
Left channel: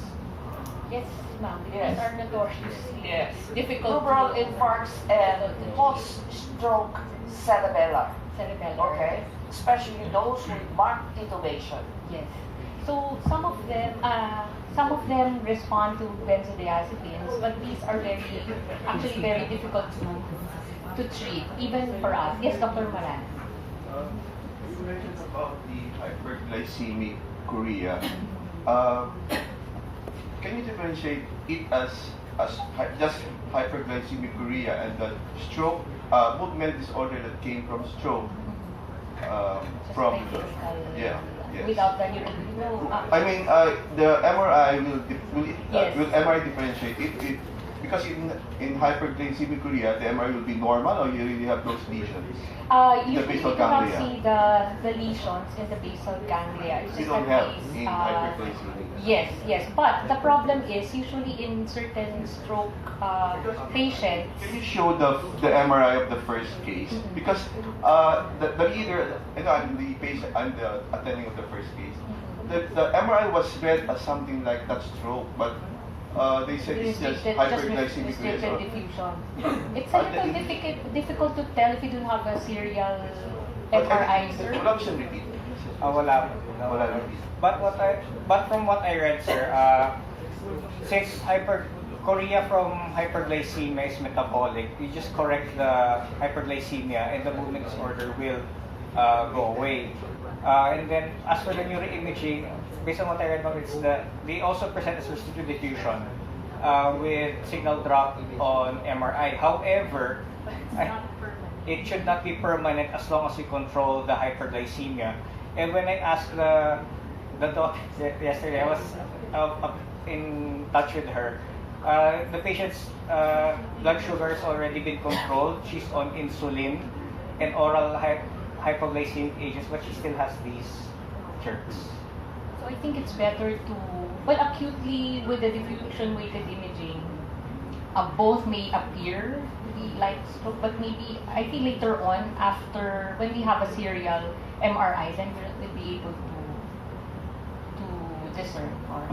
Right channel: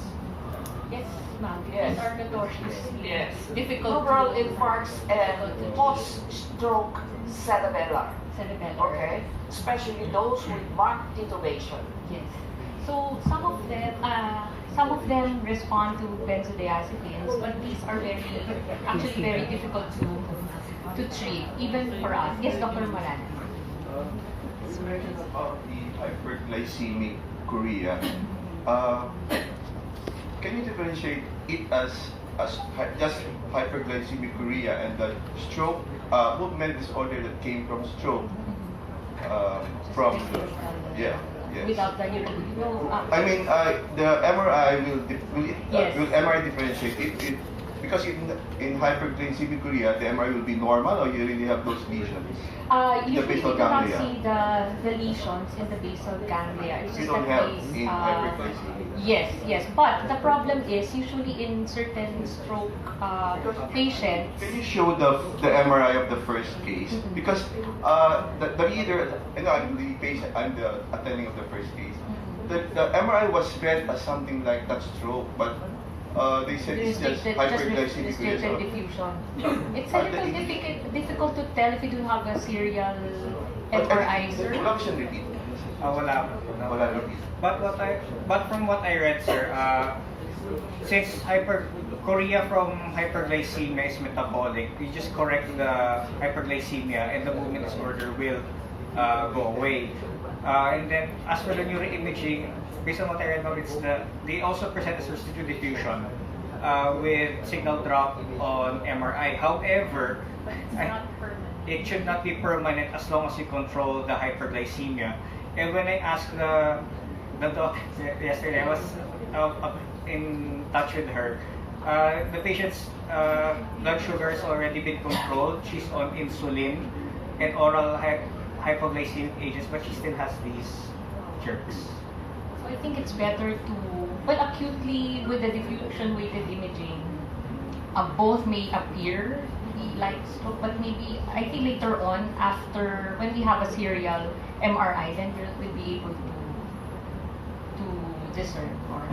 Yes, ma'am. Yes. These are notoriously Yes, difficult rubral to infarcts and post-stroke cerebellar. cerebellar. Okay, especially those with back titubation. Yes. So some of them respond to benzodiazepines, but these are actually very difficult to treat, even for us. Yes, Dr. Moran. You mentioned about the hyperglycemic chorea. Can you differentiate it as just hyperglycemic chorea and the stroke movement disorder that came from stroke? From yeah. Yes. Without the I mean, the MRI will Yes. MRI differentiate it because in hyperglycemic chorea, the MRI will be normal, or you really have those lesions. Usually basal you cannot ganglia. see the lesions in the basal ganglia. It's You just don't the have case, in hyperglycemia. Yes. But the problem is usually in certain stroke patients. Can you show the MRI of the first case? Because the leader, and I'm the patient, I'm the attending of the first case. The MRI was read as something like that stroke, but they said it's just hyperglycemic restricted diffusion. It's a little difficult to tell if you don't have a serial MRI, sir. Wala siyang repeat. Wala. Wala repeat. But from what I read, sir, since chorea from hyperglycemia is metabolic, you just correct the hyperglycemia and the movement disorder will go away. And then as for the neuroimaging, based on what I read now, they also present as residual diffusion with signal drop on MRI. However, it should not be permanent as long as you control the hyperglycemia. And when I asked the doctor yesterday, I was in touch with her. The patient's blood sugar has already been controlled. She's on insulin and oral hypoglycemic agents, but she still has these jerks. So I think it's better to, well, acutely with the diffusion-weighted imaging, both may appear to be like stroke, but maybe I think later on, after when we have a serial MRI, then we'll be able to discern more.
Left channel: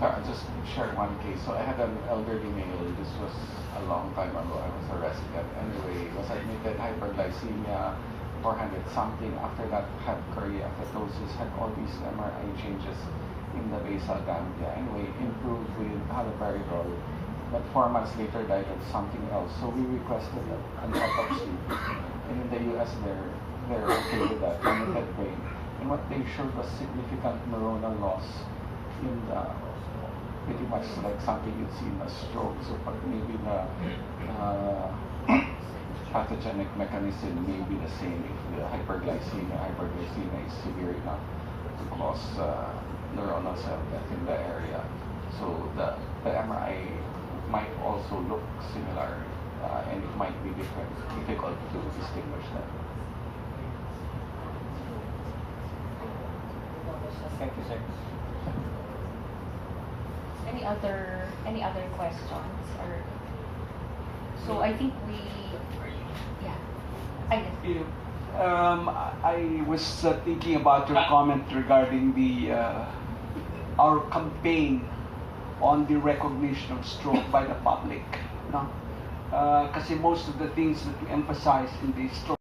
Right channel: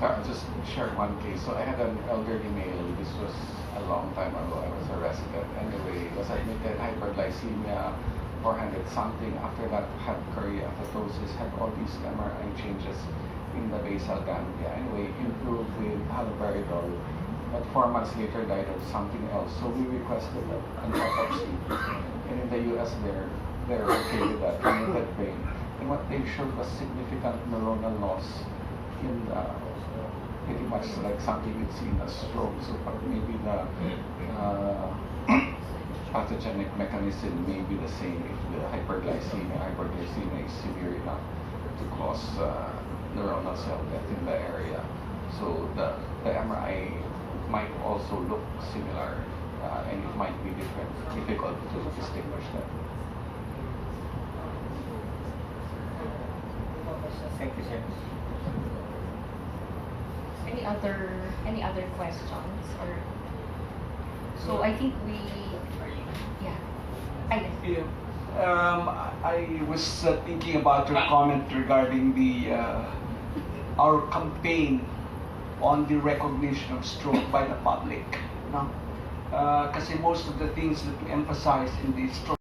So I'll just share one case. So I had an elderly male. This was a long time ago. I was a resident. Anyway, was admitted hyperglycemia, 400 something. After that, had choreoathetosis, had all these MRI changes in the basal ganglia. Anyway, improved with haloperidol, but 4 months later died of something else. So we requested an autopsy. And in the US, they're okay with that, limited brain. And what they showed was significant neuronal loss in the pretty much like something you'd see in a stroke. So maybe the pathogenic mechanism may be the same if the hyperglycemia is severe enough to cause neuronal cell death in the area. So the MRI might also look similar, and it might be difficult to distinguish them. Thank you, sir. Any other questions? Or so I think we, yeah. Yeah. I was thinking about your comment regarding the our campaign on the recognition of stroke by the public. No? Kasi most of the things that we emphasize in the stroke